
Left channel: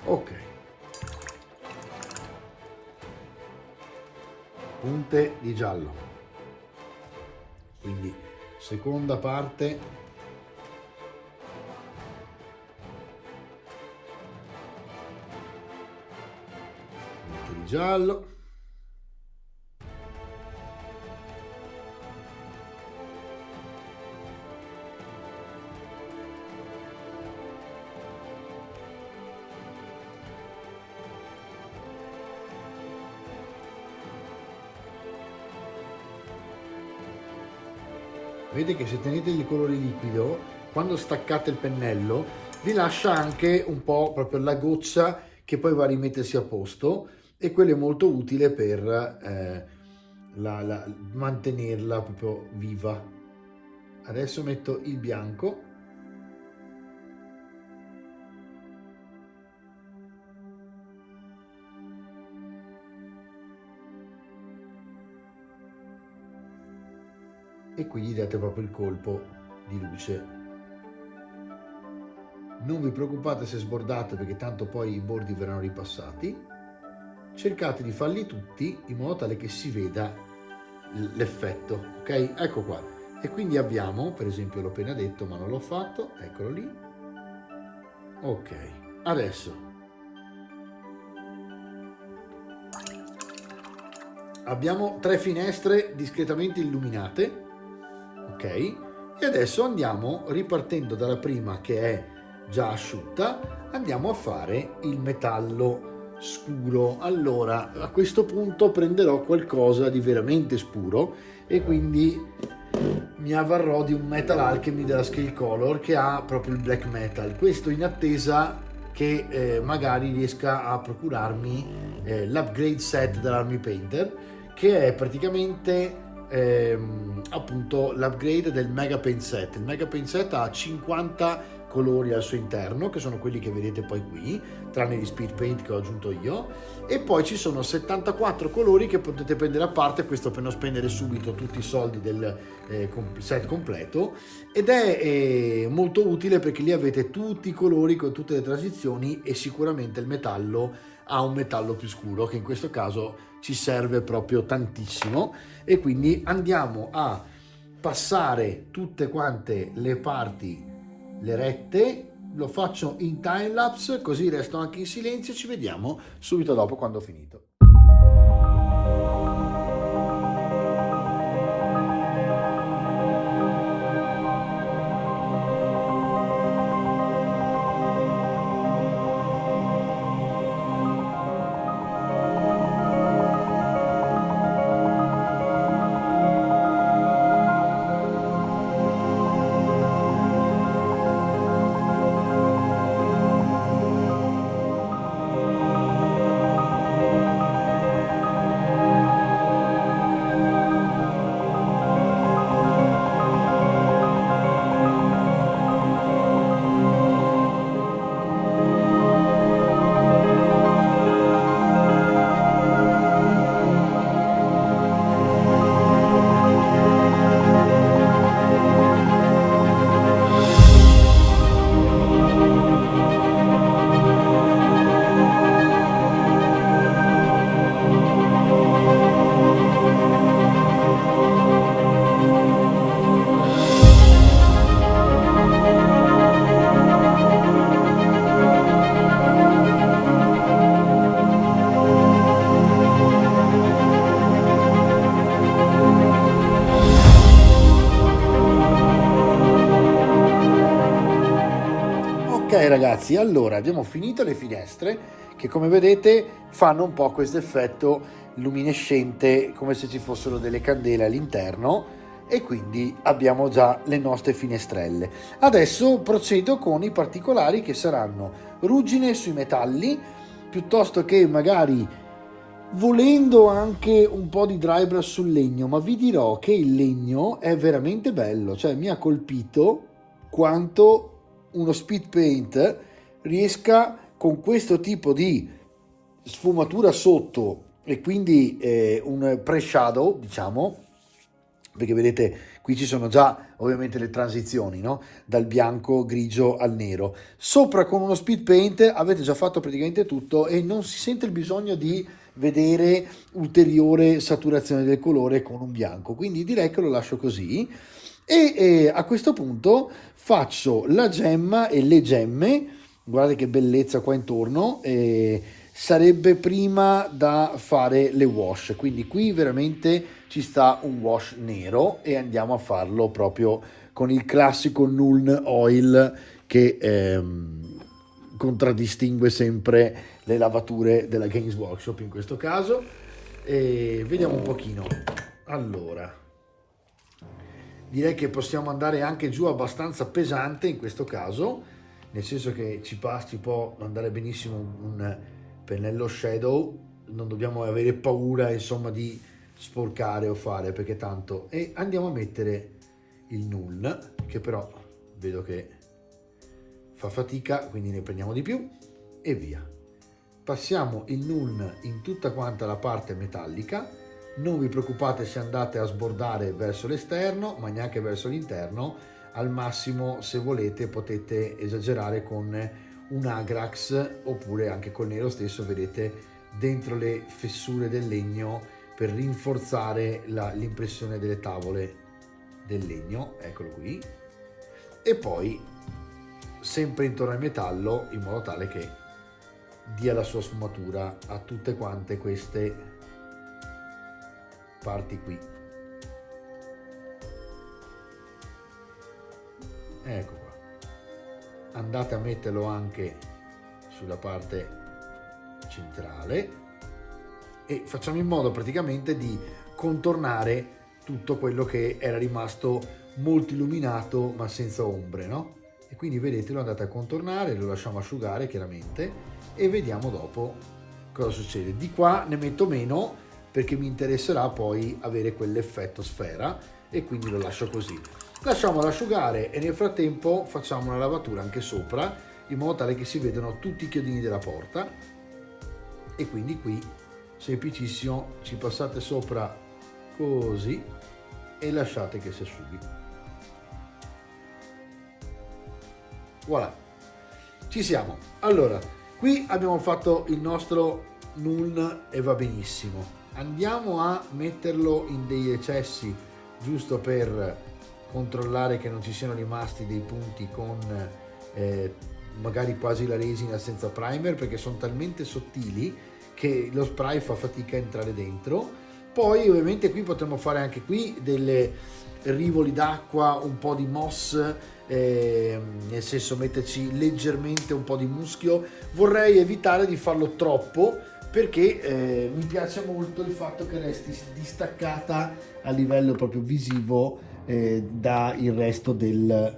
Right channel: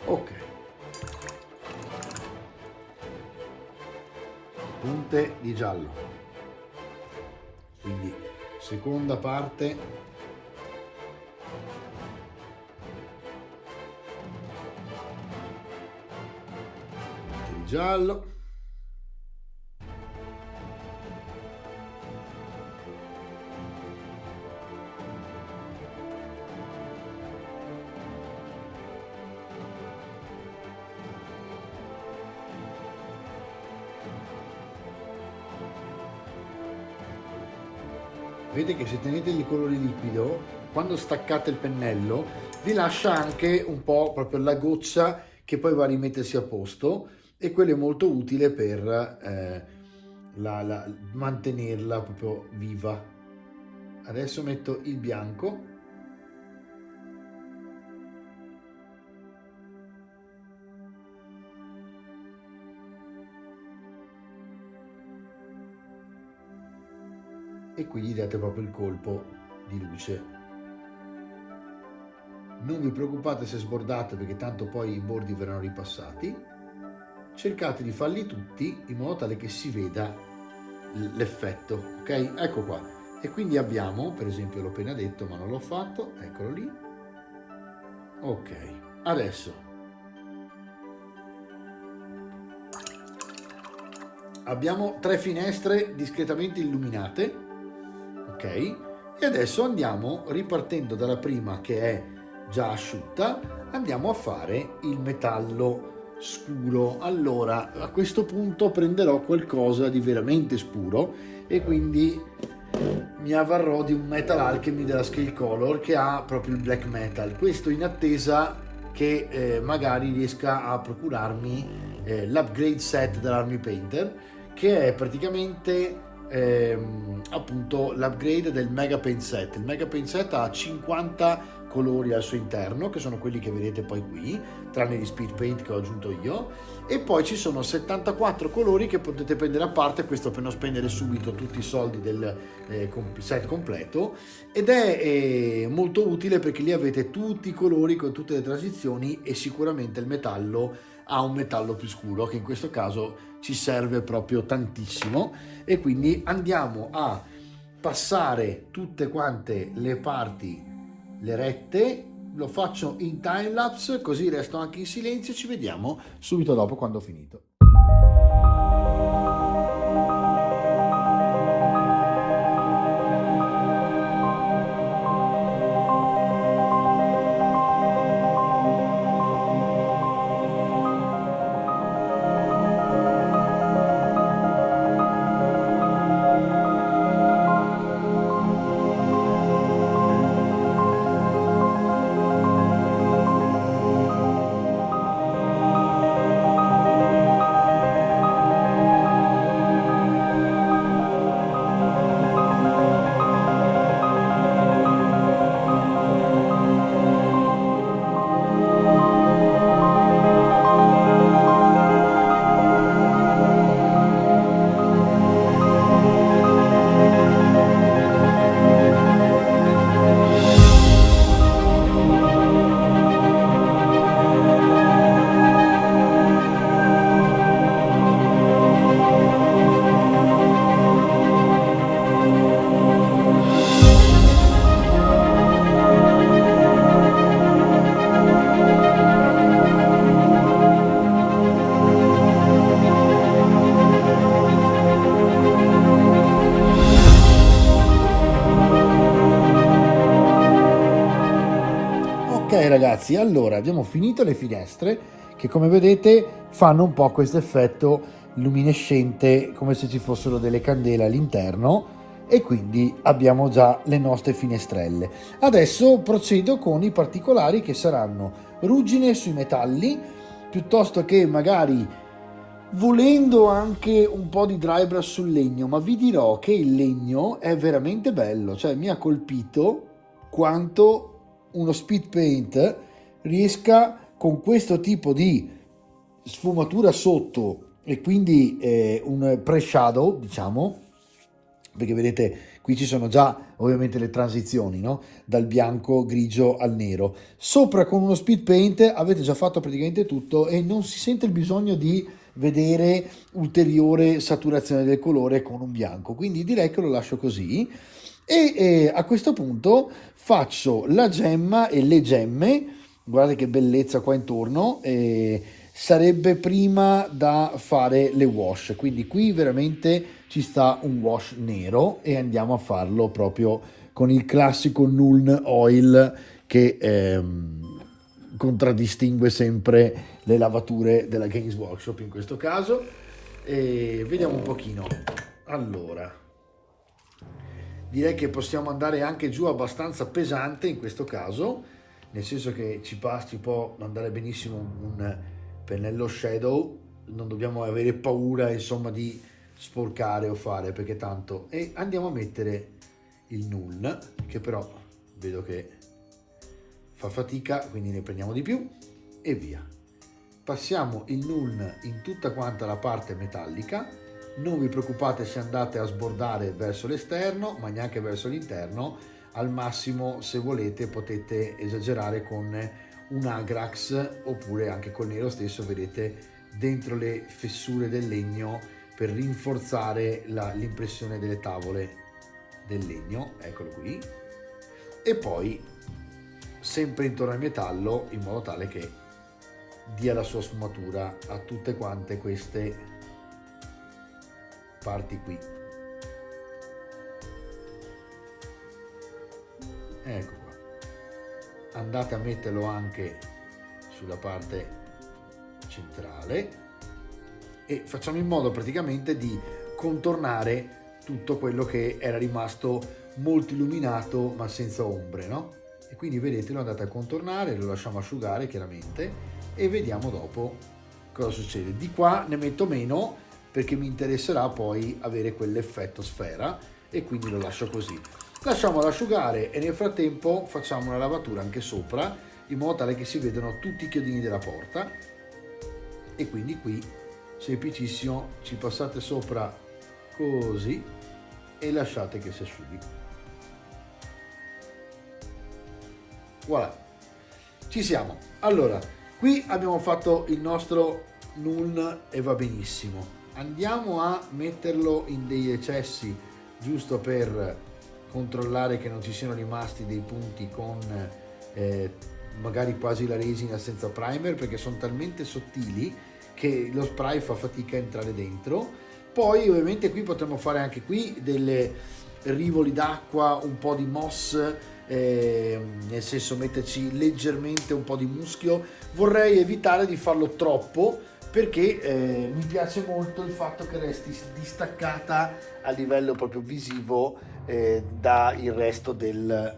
Ok, punte di giallo, quindi seconda parte, punte di giallo, vedete che se tenete il colore liquido, quando staccate il pennello, vi lascia anche un po' proprio la goccia che poi va a rimettersi a posto e quello è molto utile per mantenerla proprio viva. Adesso metto il bianco. E qui gli date proprio il colpo di luce. Non vi preoccupate se sbordate perché tanto poi i bordi verranno ripassati. Cercate di farli tutti in modo tale che si veda l'effetto, ok? Ecco qua. E quindi abbiamo, per esempio l'ho appena detto ma non l'ho fatto, eccolo lì. Ok, adesso abbiamo 3 finestre discretamente illuminate. Ok, e adesso andiamo, ripartendo dalla prima che è già asciutta, andiamo a fare il metallo scuro. Allora a questo punto prenderò qualcosa di veramente scuro e quindi mi avvarrò di un Metal Alchemy della Scale Color che ha proprio il black metal, questo in attesa che magari riesca a procurarmi l'upgrade set dell'Army Painter, che è praticamente appunto l'upgrade del Mega Paint Set. Il Mega Paint Set ha 50 colori al suo interno, che sono quelli che vedete poi qui, tranne gli Speed Paint che ho aggiunto io, e poi ci sono 74 colori che potete prendere a parte, questo per non spendere subito tutti i soldi del set completo, ed è molto utile perché lì avete tutti i colori con tutte le transizioni e sicuramente il metallo ha un metallo più scuro che in questo caso ci serve proprio tantissimo. E quindi andiamo a passare tutte quante le parti, le rette, lo faccio in time lapse così resto anche in silenzio e ci vediamo subito dopo quando ho finito. ragazzi, allora abbiamo finito le finestre che come vedete fanno un po' questo effetto luminescente come se ci fossero delle candele all'interno, e quindi abbiamo già le nostre finestrelle. Adesso procedo con i particolari che saranno ruggine sui metalli, piuttosto che magari volendo anche un po' di dry brush sul legno, ma vi dirò che il legno è veramente bello, cioè mi ha colpito quanto uno speed paint riesca con questo tipo di sfumatura sotto e quindi un pre-shadow, diciamo, perché vedete qui ci sono già ovviamente le transizioni, no? Dal bianco, grigio al nero. Sopra con uno speed paint avete già fatto praticamente tutto e non si sente il bisogno di vedere ulteriore saturazione del colore con un bianco, quindi direi che lo lascio così. E a questo punto faccio la gemma e le gemme, guardate che bellezza qua intorno. Sarebbe prima da fare le wash, quindi qui veramente ci sta un wash nero e andiamo a farlo proprio con il classico Nuln Oil che contraddistingue sempre le lavature della Games Workshop in questo caso. E vediamo un pochino. Allora, direi che possiamo andare anche giù abbastanza pesante in questo caso, nel senso che ci può andare benissimo un pennello shadow, non dobbiamo avere paura insomma di sporcare o fare, perché tanto. E andiamo a mettere il null, che però vedo che fa fatica, quindi ne prendiamo di più e via. Passiamo il null in tutta quanta la parte metallica. Non vi preoccupate se andate a sbordare verso l'esterno, ma neanche verso l'interno. Al massimo, se volete, potete esagerare con un Agrax oppure anche col nero stesso, vedete, dentro le fessure del legno per rinforzare l'impressione delle tavole del legno. Eccolo qui. E poi sempre intorno al metallo, in modo tale che dia la sua sfumatura a tutte quante queste parti qui. Ecco qua. Andate a metterlo anche sulla parte centrale e facciamo in modo praticamente di contornare tutto quello che era rimasto molto illuminato ma senza ombre, no? E quindi vedete, lo andate a contornare, lo lasciamo asciugare chiaramente e vediamo dopo cosa succede. Di qua ne metto meno perché mi interesserà poi avere quell'effetto sfera e quindi lo lascio così. Lasciamolo asciugare e nel frattempo facciamo una lavatura anche sopra in modo tale che si vedano tutti i chiodini della porta. E quindi qui semplicissimo, ci passate sopra così e lasciate che si asciughi. Voilà, ci siamo. Allora, qui abbiamo fatto il nostro null e va benissimo. Andiamo a metterlo in dei recessi giusto per controllare che non ci siano rimasti dei punti con magari quasi la resina senza primer, perché sono talmente sottili che lo spray fa fatica a entrare dentro. Poi ovviamente qui potremmo fare anche qui delle rivoli d'acqua, un po' di moss, nel senso metterci leggermente un po' di muschio. Vorrei evitare di farlo troppo perché mi piace molto il fatto che resti distaccata a livello proprio visivo da il resto della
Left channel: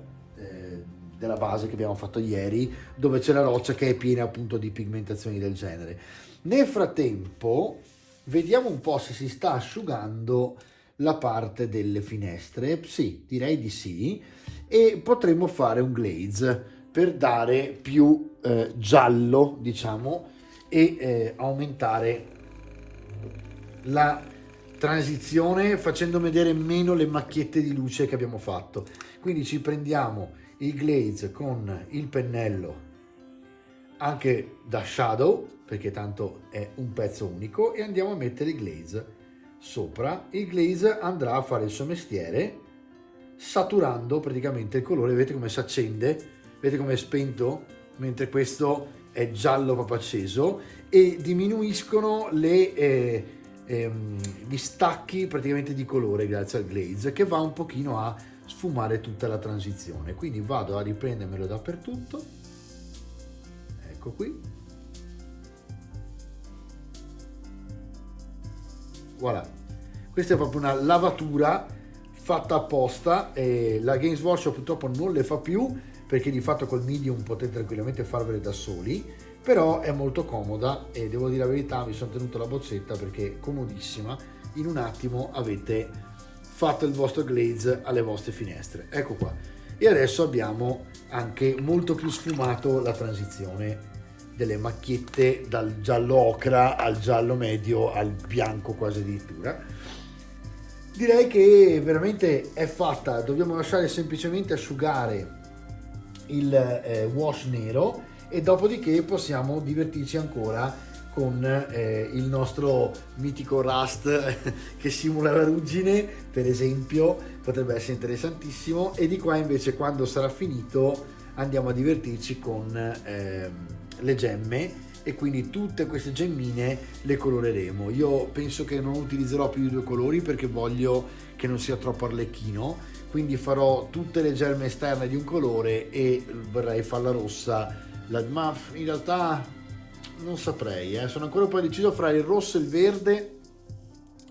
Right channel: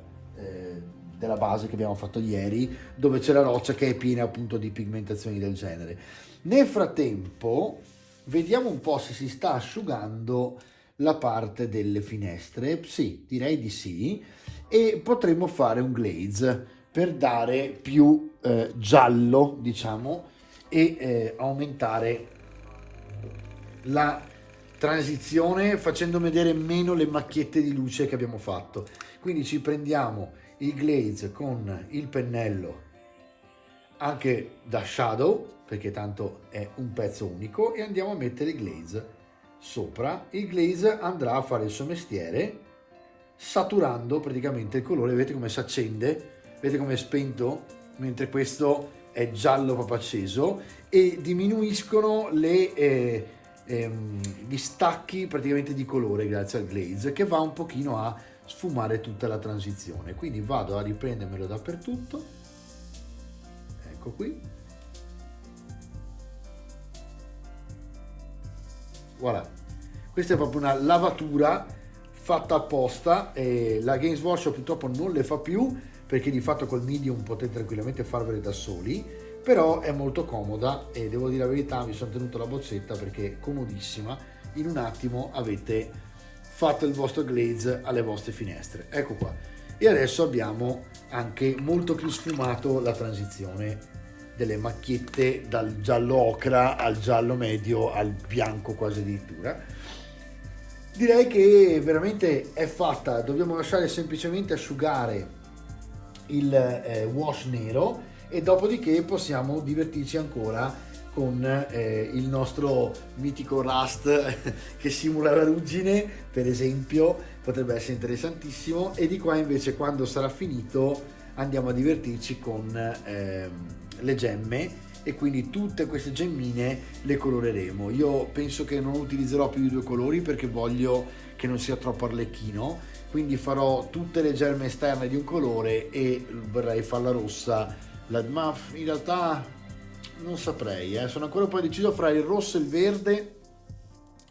base che abbiamo fatto ieri, dove c'è la roccia che è piena appunto di pigmentazioni del genere. Nel frattempo vediamo un po' se si sta asciugando la parte delle finestre. Sì, direi di sì, e potremmo fare un glaze per dare più giallo, diciamo, e aumentare la transizione facendo vedere meno le macchiette di luce che abbiamo fatto. Quindi ci prendiamo il glaze con il pennello anche da shadow, perché tanto è un pezzo unico, e andiamo a mettere il glaze sopra. Il glaze andrà a fare il suo mestiere saturando praticamente il colore. Vedete come si accende, vedete come è spento, mentre questo è giallo proprio acceso, e diminuiscono gli stacchi praticamente di colore grazie al glaze, che va un pochino a sfumare tutta la transizione. Quindi vado a riprendermelo dappertutto ecco qui, voilà, questa è proprio una lavatura fatta apposta, e la Games Workshop purtroppo non le fa più perché di fatto col medium potete tranquillamente farvele da soli, però è molto comoda e devo dire la verità, mi sono tenuto la boccetta perché è comodissima, in un attimo avete fatto il vostro glaze alle vostre finestre, ecco qua. E adesso abbiamo anche molto più sfumato la transizione delle macchiette dal giallo ocra al giallo medio al bianco quasi addirittura. Direi che veramente è fatta, dobbiamo lasciare semplicemente asciugare il wash nero e dopodiché possiamo divertirci ancora con il nostro mitico rust che simula la ruggine, per esempio, potrebbe essere interessantissimo. E di qua invece, quando sarà finito, andiamo a divertirci con le gemme, e quindi tutte queste gemmine le coloreremo. Io penso che non utilizzerò più i due colori perché voglio che non sia troppo arlecchino, quindi farò tutte le gemme esterne di un colore e vorrei farla rossa, ma in realtà non saprei, sono ancora un po' deciso fra il rosso e il verde,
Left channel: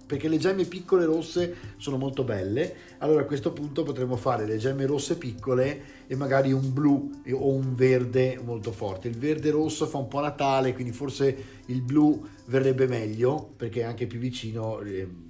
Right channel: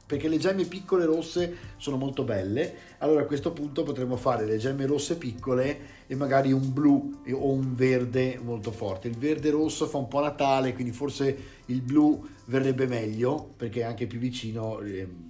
perché le gemme piccole rosse sono molto belle. Allora a questo punto potremmo fare le gemme rosse piccole e magari un blu o un verde molto forte. Il verde rosso fa un po' Natale, quindi forse il blu verrebbe meglio perché è anche più vicino,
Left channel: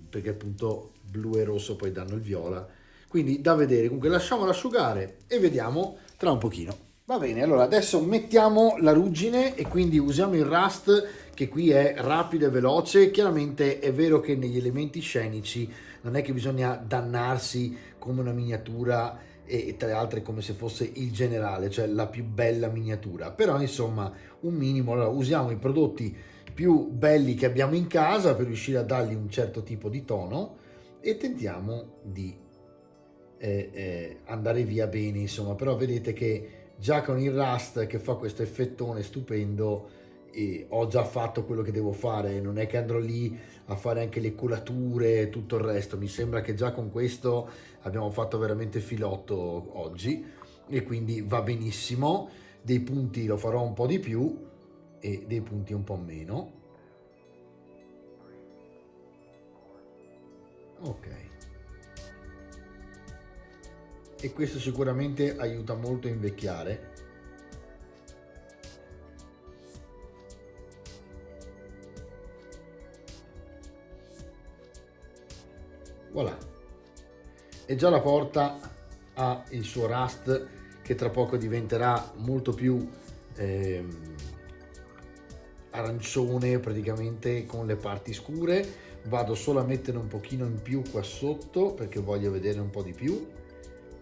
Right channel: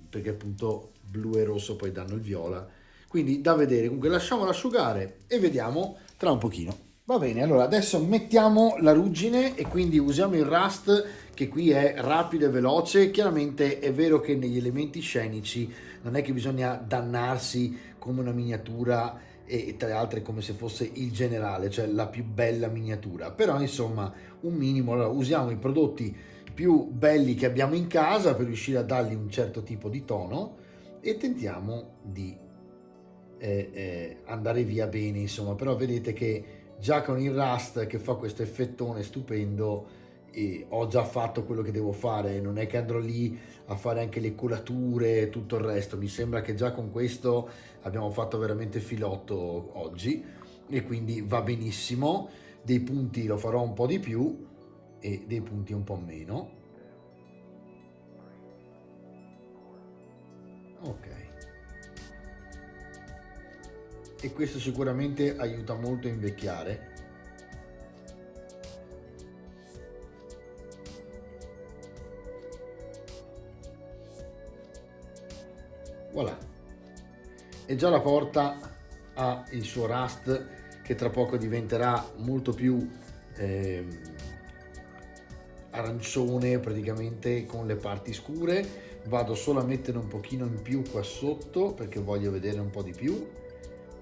perché appunto blu e rosso poi danno il viola, quindi da vedere. Comunque lasciamolo asciugare e vediamo tra un pochino. Va bene, allora adesso mettiamo la ruggine e quindi usiamo il rust, che qui è rapido e veloce. Chiaramente è vero che negli elementi scenici non è che bisogna dannarsi come una miniatura e tra le altre come se fosse il generale, cioè la più bella miniatura, però insomma un minimo. Allora usiamo i prodotti più belli che abbiamo in casa per riuscire a dargli un certo tipo di tono e tentiamo di andare via bene, insomma. Però vedete che già con il rust che fa questo effettone stupendo ho già fatto quello che devo fare, non è che andrò lì a fare anche le colature e tutto il resto. Mi sembra che già con questo abbiamo fatto veramente filotto oggi e quindi va benissimo. Dei punti lo farò un po' di più e dei punti un po' meno. Ok, e questo sicuramente aiuta molto a invecchiare. Voilà, e già la porta ha il suo rust che tra poco diventerà molto più arancione praticamente con le parti scure. Vado solo a mettere un pochino in più qua sotto perché voglio vedere un po' di più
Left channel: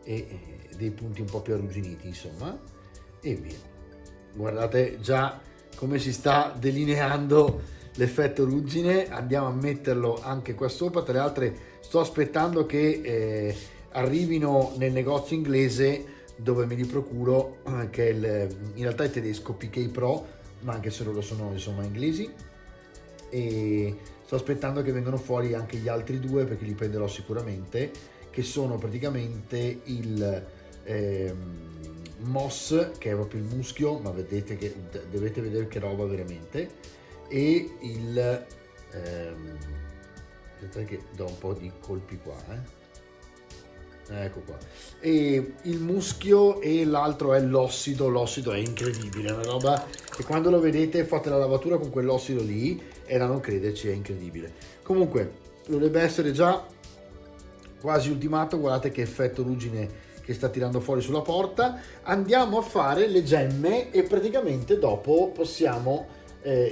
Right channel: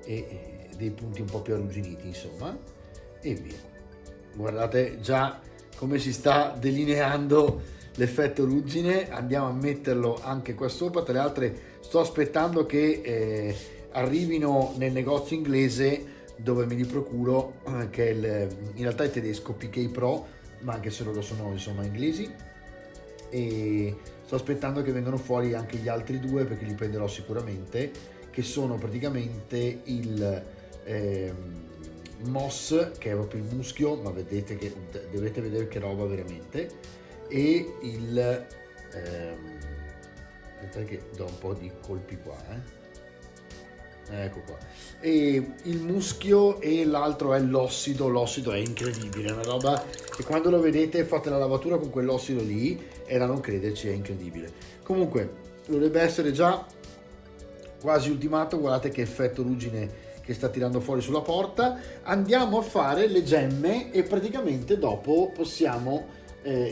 e dei punti un po' più arrugginiti, insomma, e via. Guardate già come si sta delineando l'effetto ruggine. Andiamo a metterlo anche qua sopra. Tra le altre sto aspettando che arrivino nel negozio inglese dove me li procuro, che è in realtà è tedesco, PK Pro, ma anche se loro sono insomma inglesi, e sto aspettando che vengano fuori anche gli altri due perché li prenderò sicuramente, che sono praticamente il Moss, che è proprio il muschio, ma vedete che dovete vedere che roba veramente, e il aspetta che do un po' di colpi qua, ecco qua, e il muschio, e l'altro è l'ossido. L'ossido è incredibile, è una roba che quando lo vedete fate la lavatura con quell'ossido lì e da non crederci, è incredibile. Comunque dovrebbe essere già quasi ultimato. Guardate che effetto ruggine che sta tirando fuori sulla porta. Andiamo a fare le gemme e praticamente dopo possiamo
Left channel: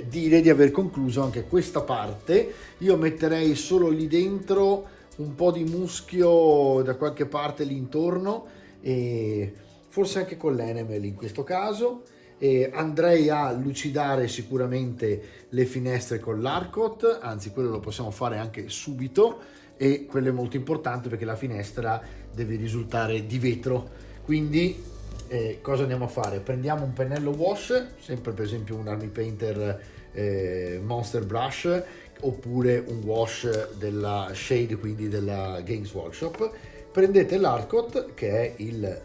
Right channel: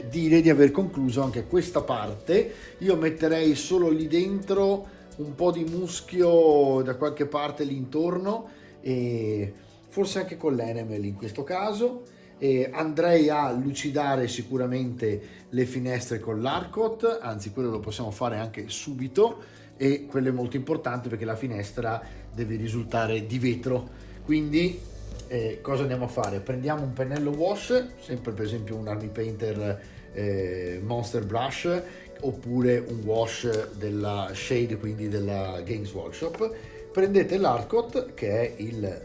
dire di aver concluso anche questa parte. Io metterei solo lì dentro un po' di muschio da qualche parte lì intorno e forse anche con l'enamel in questo caso. Andrei a lucidare sicuramente le finestre con l'Arcot, anzi quello lo possiamo fare anche subito, e quello è molto importante perché la finestra deve risultare di vetro. Quindi cosa andiamo a fare? Prendiamo un pennello wash, sempre per esempio un Army Painter Monster Brush, oppure un wash della Shade, quindi della Games Workshop. Prendete l'Arcot, che è il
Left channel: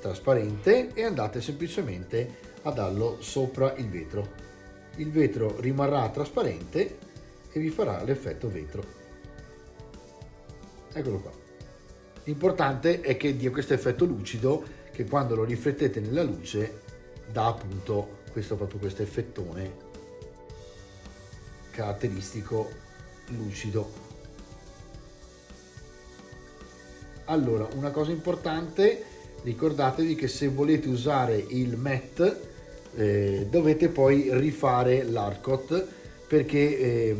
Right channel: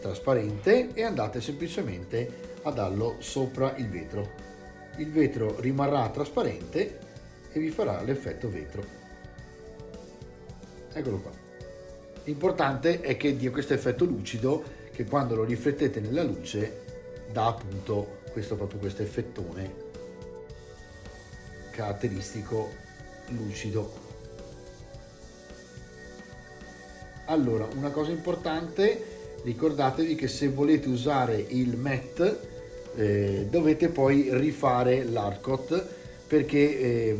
trasparente, e andate semplicemente a darlo sopra il vetro rimarrà trasparente e vi farà l'effetto vetro. Eccolo qua. L'importante è che dia questo effetto lucido, che quando lo riflettete nella luce dà appunto questo effettone caratteristico lucido. Allora, una cosa importante, ricordatevi che se volete usare il matte dovete poi rifare l'hardcoat, perché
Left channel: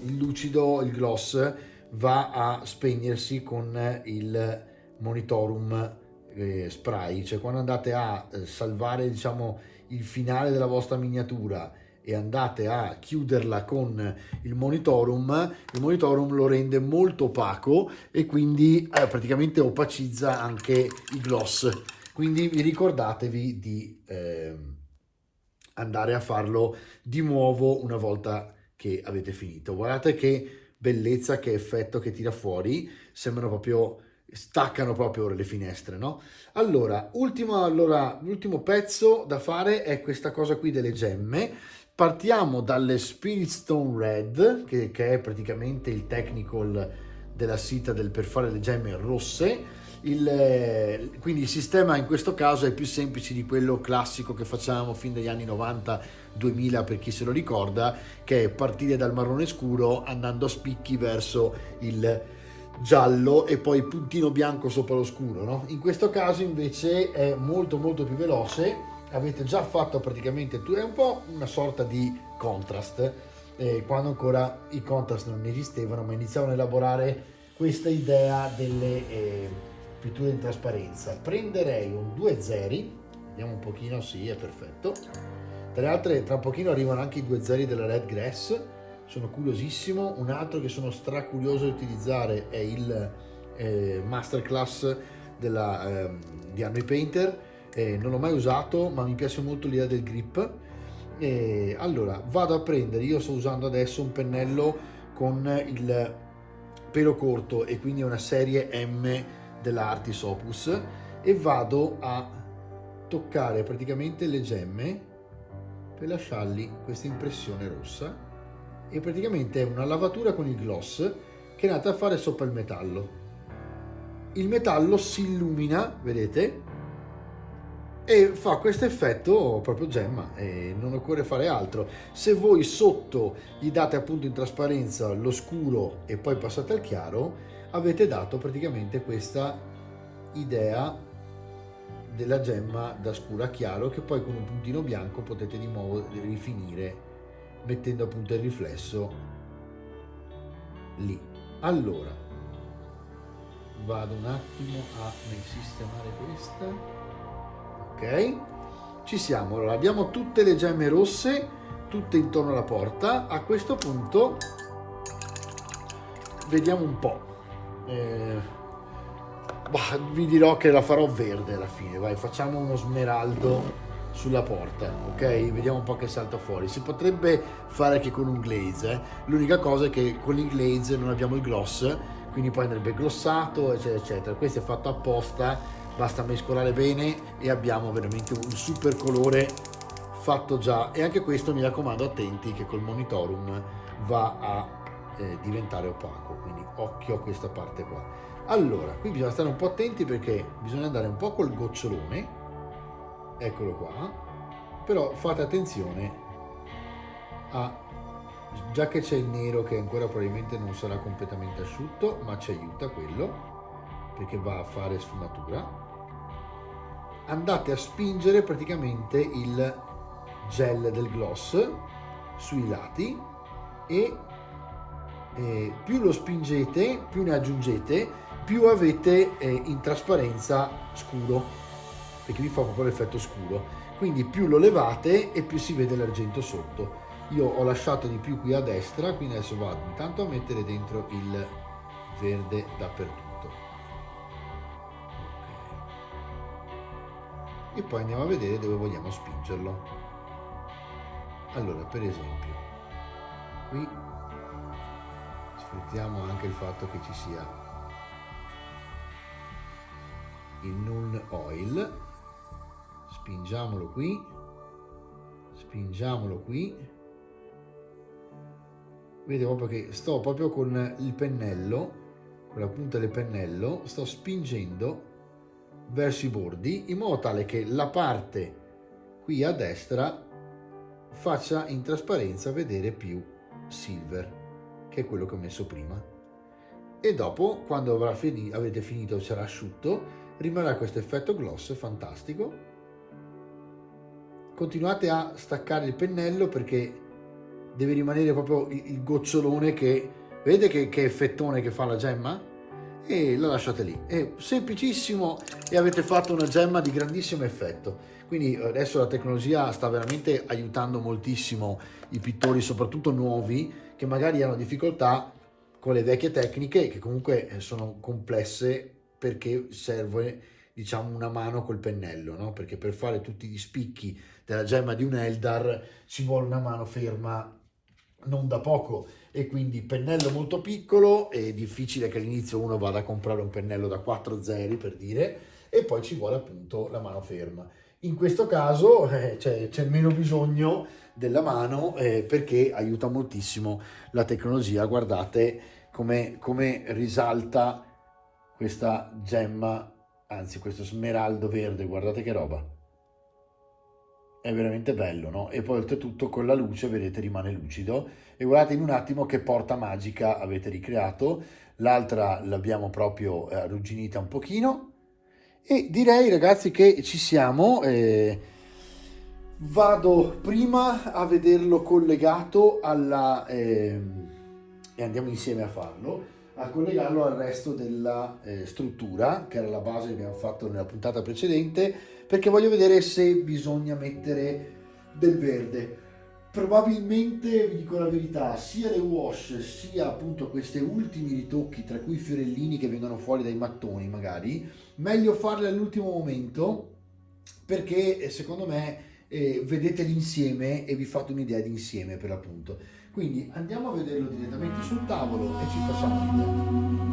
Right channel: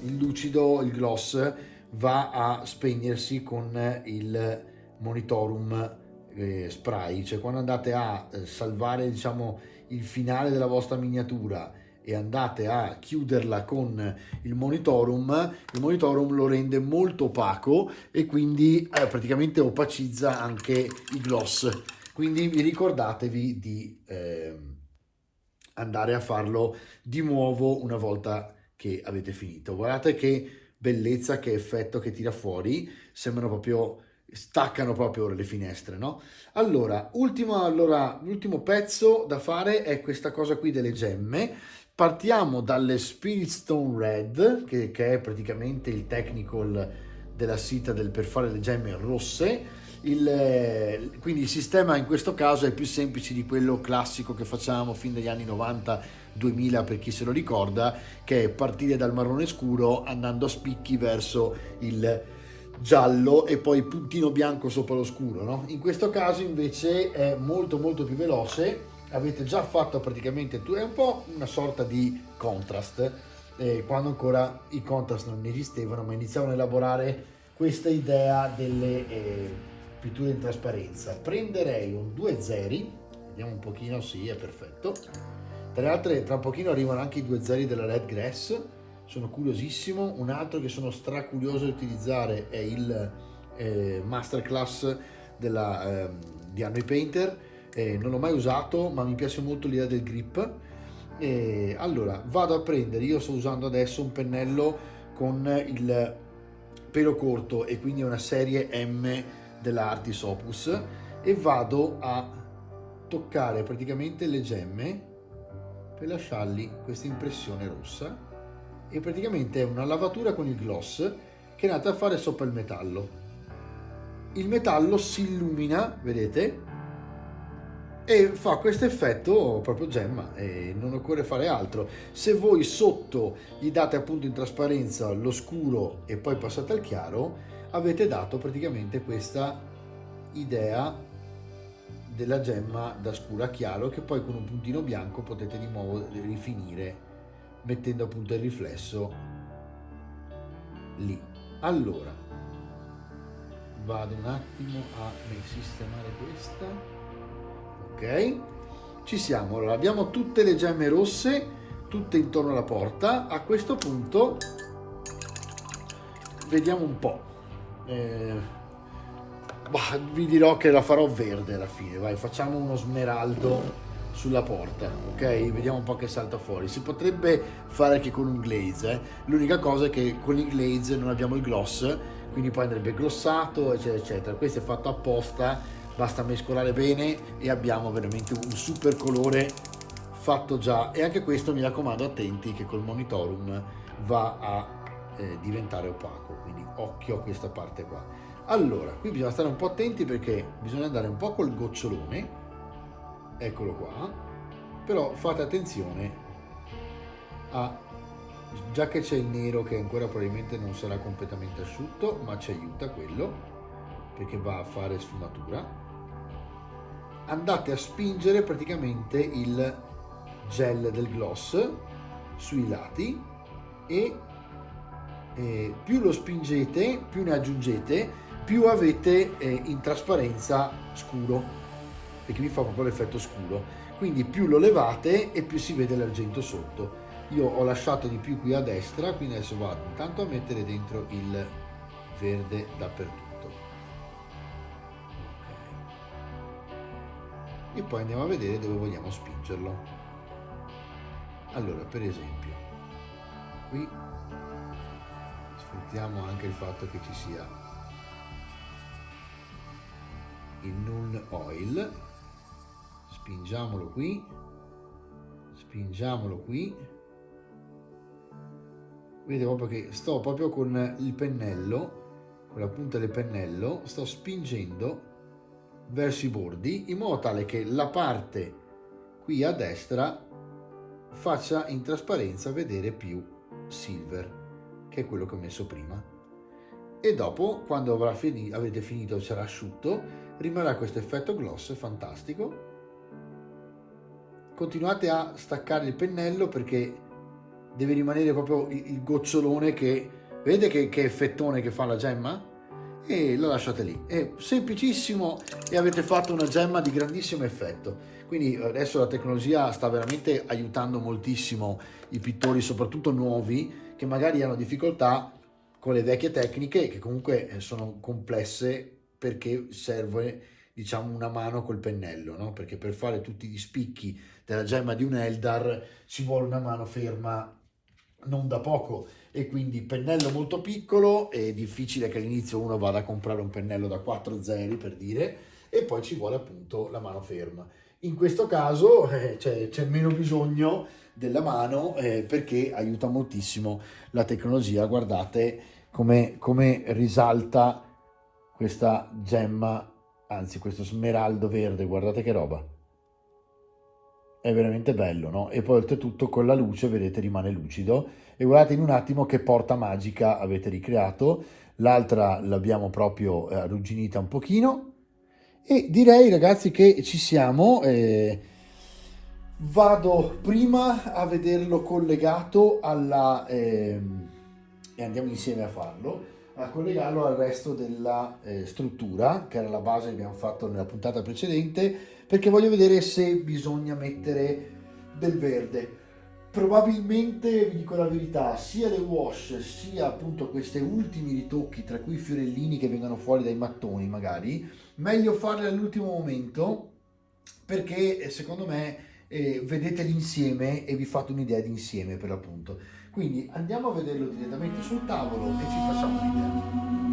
il lucido, il gloss, va a spegnersi con il monitorum spray, cioè quando andate a salvare, diciamo, il finale della vostra miniatura e andate a chiuderla con il monitorum lo rende molto opaco e quindi praticamente opacizza anche i gloss. Quindi ricordatevi di andare a farlo di nuovo una volta che avete finito. Guardate che bellezza, che effetto che tira fuori, sembrano proprio, staccano proprio le finestre, no? Allora, l'ultimo pezzo da fare è questa cosa qui delle gemme. Partiamo dalle Spirit Stone Red, che è praticamente il technical della Citadel per fare le gemme rosse. Quindi il sistema in questo caso è più semplice di quello classico che facciamo fin dagli anni 90-2000, per chi se lo ricorda, che è partire dal marrone scuro andando a spicchi verso il giallo e poi puntino bianco sopra lo scuro, no? In questo caso invece è molto più veloce. Avete già fatto praticamente è un po' una sorta di contrast, quando ancora i contrast non esistevano, ma iniziavano a elaborare questa idea delle pitture in trasparenza. Prenderei un 2 zeri, vediamo un pochino, sì, è perfetto. Tra le altre, tra un pochino arrivano anche i 2 zeri della Red Grass, sono curiosissimo. Un altro che sono curioso di utilizzare è il Masterclass di Army Painter. Non l'ho mai usato, ma mi piace molto l'idea del grip. Allora vado a prendere, io sto usando adesso un pennello con il pelo corto e quindi è una serie M della Artis Opus, e vado a toccare praticamente le gemme per lasciargli questa impressione rossa, e praticamente è una lavatura con il gloss che è andata a fare sopra il metallo. Il metallo si illumina, vedete, e fa questo effetto proprio gemma, e non occorre fare altro. Se voi sotto gli date appunto in trasparenza lo scuro e poi passate al chiaro, avete dato praticamente questa idea della gemma da scuro a chiaro, che poi con un puntino bianco potete di nuovo rifinire mettendo appunto il riflesso lì. Allora vado un attimo a sistemare questa. Ok, ci siamo. Allora abbiamo tutte le gemme rosse, tutte intorno alla porta. A questo punto vediamo un po'. Vi dirò che la farò verde alla fine. Vai, facciamo uno smeraldo sulla porta, ok? Vediamo un po' che salta fuori. Si potrebbe fare anche con un glaze, l'unica cosa è che con il glaze non abbiamo il gloss, quindi poi andrebbe glossato, eccetera eccetera. Questo è fatto apposta, basta mescolare bene e abbiamo veramente un super colore fatto già. E anche questo, mi raccomando, attenti che col monitorum va a diventare opaco, quindi occhio a questa parte qua. Allora, qui bisogna stare un po' attenti perché bisogna andare un po' col gocciolone, eccolo qua, però fate attenzione già che c'è il nero che ancora probabilmente non sarà completamente asciutto, ma ci aiuta quello, perché va a fare sfumatura. Andate a spingere praticamente il gel del gloss sui lati e più lo spingete, più ne aggiungete, più avete in trasparenza scuro, perché vi fa proprio l'effetto scuro. Quindi più lo levate e più si vede l'argento sotto. Io ho lasciato di più qui a destra, quindi adesso vado intanto a mettere dentro il verde dappertutto. Ok. E poi andiamo a vedere dove vogliamo spingerlo. Allora, per esempio, qui sfruttiamo anche il fatto che ci sia il Null Oil, spingiamolo qui spingiamolo qui, vedete proprio che sto proprio con il pennello, con la punta del pennello, sto spingendo verso i bordi in modo tale che la parte qui a destra faccia in trasparenza vedere più silver, che è quello che ho messo prima. E dopo, quando avete finito, sarà asciutto, rimarrà questo effetto gloss fantastico. Continuate a staccare il pennello perché deve rimanere proprio il gocciolone che vedete che effettone che fa la gemma, e la lasciate lì. È semplicissimo e avete fatto una gemma di grandissimo effetto. Quindi adesso la tecnologia sta veramente aiutando moltissimo i pittori, soprattutto nuovi, che magari hanno difficoltà con le vecchie tecniche, che comunque sono complesse perché serve, diciamo, una mano col pennello, no? Perché per fare tutti gli spicchi della gemma di un Eldar ci vuole una mano ferma non da poco, e quindi pennello molto piccolo, è difficile che all'inizio uno vada a comprare un pennello da 4 zeri, per dire, e poi ci vuole appunto la mano ferma. In questo caso c'è meno bisogno della mano, perché aiuta moltissimo la tecnologia. Guardate come risalta questa gemma, anzi questo smeraldo verde, guardate che roba, è veramente bello, no? E poi oltretutto con la luce, vedete, rimane lucido, e guardate in un attimo che porta magica avete ricreato. L'altra l'abbiamo proprio arrugginita un pochino, e direi, ragazzi, che ci siamo. Vado prima a vederlo collegato alla e andiamo insieme a farlo, a collegarlo al resto della struttura, che era la base che abbiamo fatto nella puntata precedente, perché voglio vedere se bisogna mettere del verde. Probabilmente, vi dico la verità, sia le wash sia appunto questi ultimi ritocchi, tra cui i fiorellini che vengono fuori dai mattoni, magari meglio farli all'ultimo momento, perché secondo me vedete l'insieme e vi fate un'idea di insieme, per l'appunto. Quindi andiamo a vederlo direttamente sul tavolo e ci facciamo un'idea.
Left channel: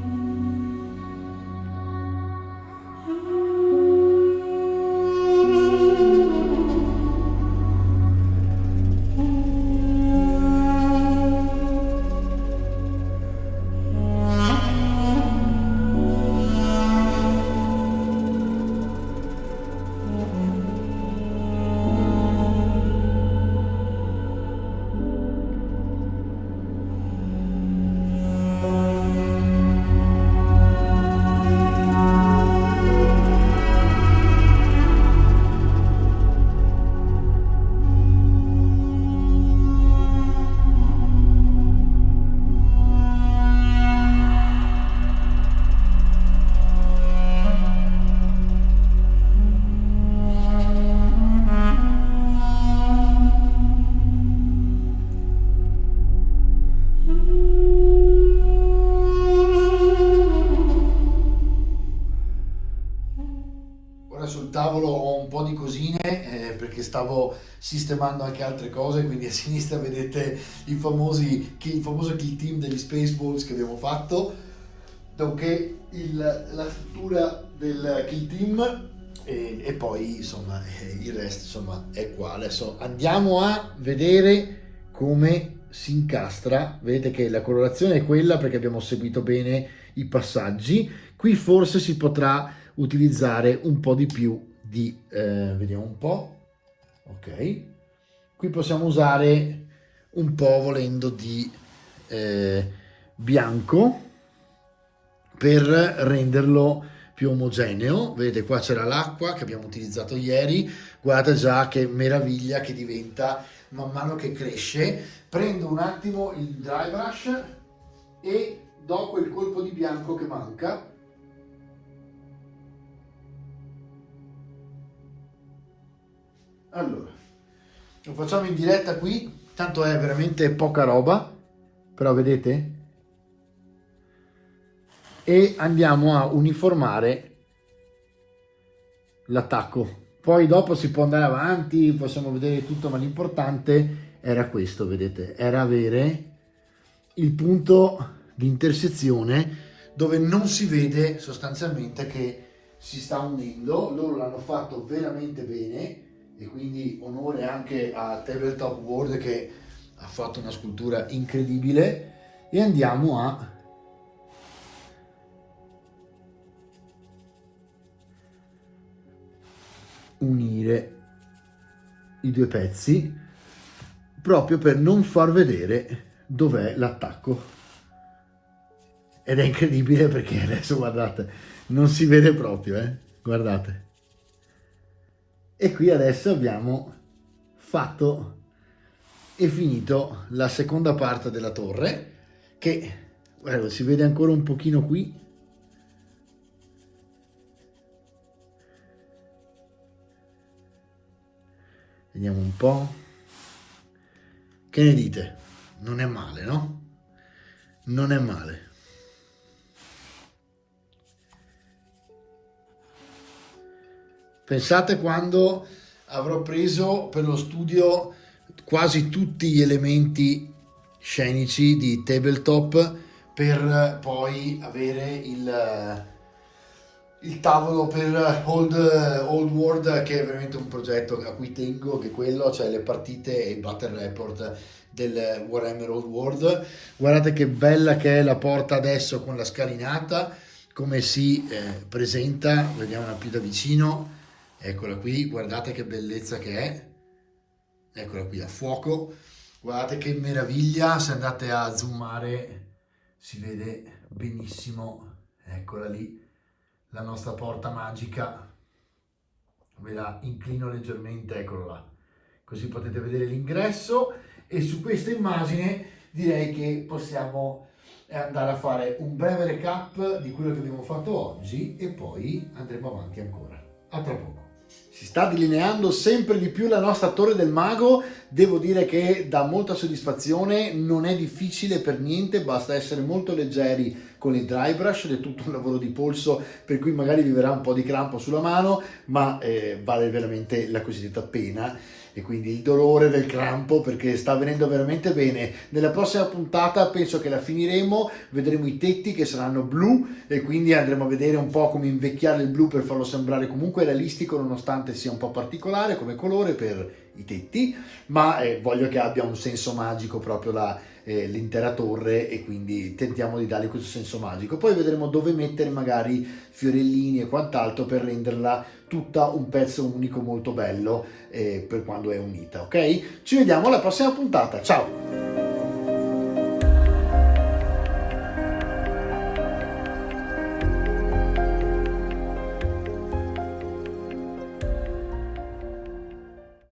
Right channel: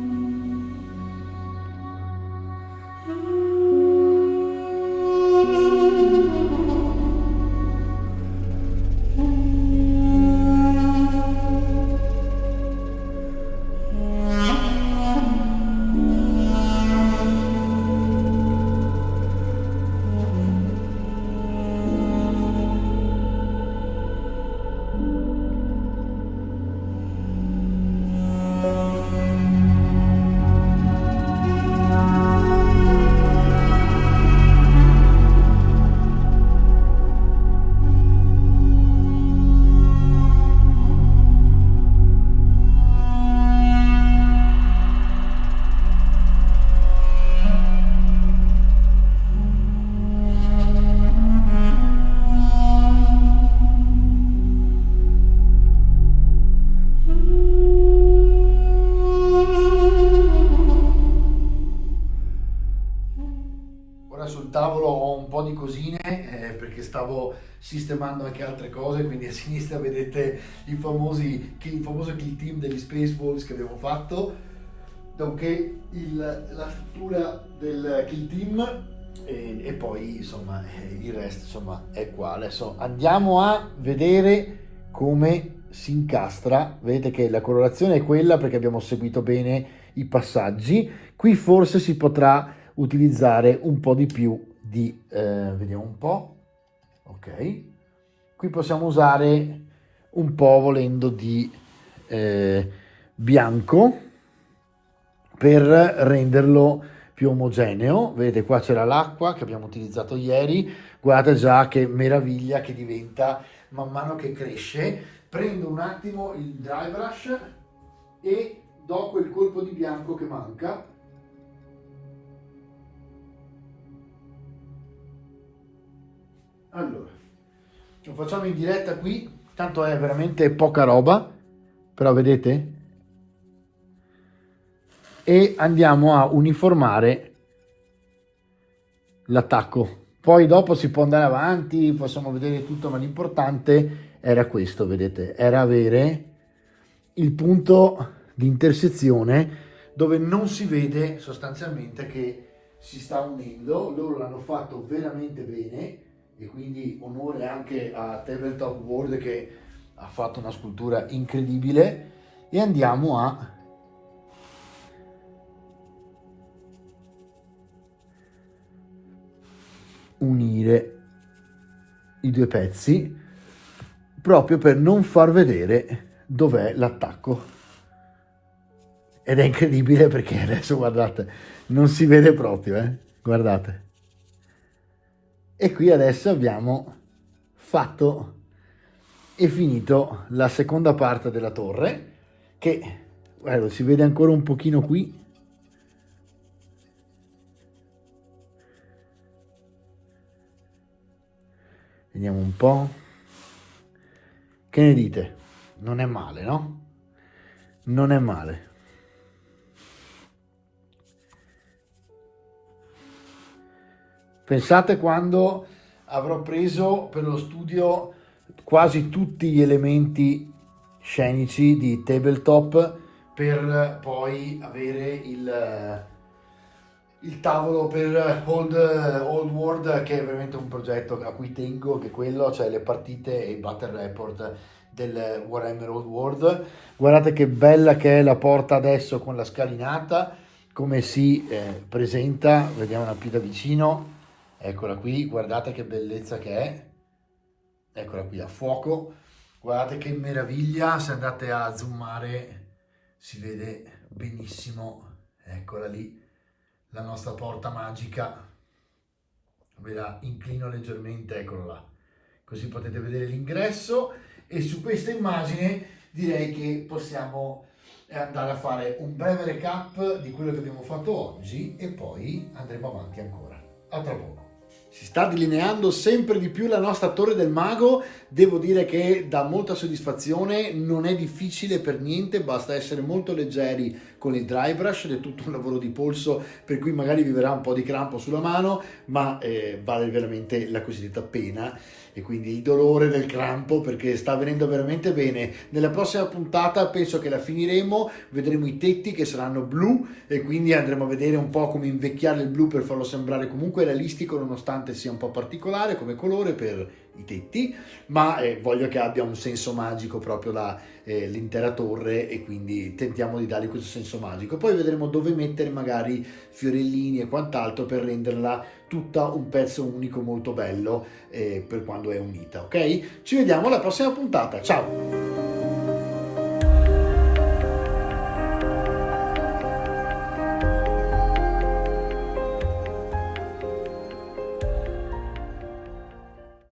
Sul tavolo ho un po' di cosine, perché stavo sistemando anche altre cose, quindi a sinistra vedete il famoso kill team degli Spaceballs che abbiamo fatto, nonché la struttura del kill team, e poi insomma il resto insomma è qua. Adesso andiamo a vedere come si incastra. Vedete che la colorazione è quella perché abbiamo seguito bene i passaggi. Qui forse si potrà utilizzare un po' di più di vediamo un po', ok, qui possiamo usare un po', volendo, di bianco per renderlo più omogeneo. Vedete, qua c'era l'acqua che abbiamo utilizzato ieri, guardate già che meraviglia che diventa man mano che cresce. Prendo un attimo il dry brush e do quel colpo di bianco che manca. Allora, lo facciamo in diretta qui, tanto è veramente poca roba, però vedete? E andiamo a uniformare l'attacco. Poi dopo si può andare avanti, possiamo vedere tutto, ma l'importante era questo, vedete? Era avere il punto di intersezione dove non si vede sostanzialmente che si sta unendo. Loro l'hanno fatto veramente bene. e quindi onore anche a Tabletop World che ha fatto una scultura incredibile. E andiamo a unire i due pezzi proprio per non far vedere dov'è l'attacco. Ed è incredibile perché adesso guardate, non si vede proprio, guardate. E qui adesso abbiamo fatto e finito la seconda parte della torre, che guarda, si vede ancora un pochino qui. Vediamo un po'. Che ne dite? Non è male, no? Non è male. Pensate quando avrò preso per lo studio quasi tutti gli elementi scenici di Tabletop per poi avere il tavolo per Old World, che è veramente un progetto a cui tengo, che è quello, cioè le partite e il battle report del Warhammer Old World. Guardate che bella che è la porta adesso con la scalinata, come si presenta, vediamola più da vicino. Eccola qui, guardate che bellezza che è, eccola qui a fuoco, guardate che meraviglia, se andate a zoomare si vede benissimo, eccola lì, la nostra porta magica, ve la inclino leggermente, eccola là, così potete vedere l'ingresso. E su questa immagine direi che possiamo andare a fare un breve recap di quello che abbiamo fatto oggi e poi andremo avanti ancora. A tra poco. Si sta delineando sempre di più la nostra Torre del Mago, devo dire che dà molta soddisfazione, non è difficile per niente, basta essere molto leggeri con il dry brush ed è tutto un lavoro di polso, per cui magari vi verrà un po' di crampo sulla mano, ma vale veramente la cosiddetta pena e quindi il dolore del crampo, perché sta venendo veramente bene. Nella prossima puntata penso che la finiremo, vedremo i tetti che saranno blu e quindi andremo a vedere un po' come invecchiare il blu per farlo sembrare comunque realistico, nonostante sia un po' particolare come colore per i tetti, ma voglio che abbia un senso magico proprio l'intera torre, e quindi tentiamo di dargli questo senso magico. Poi vedremo dove mettere magari fiorellini e quant'altro per renderla tutta un pezzo unico molto bello per quando è unita, ok? Ci vediamo alla prossima puntata, ciao!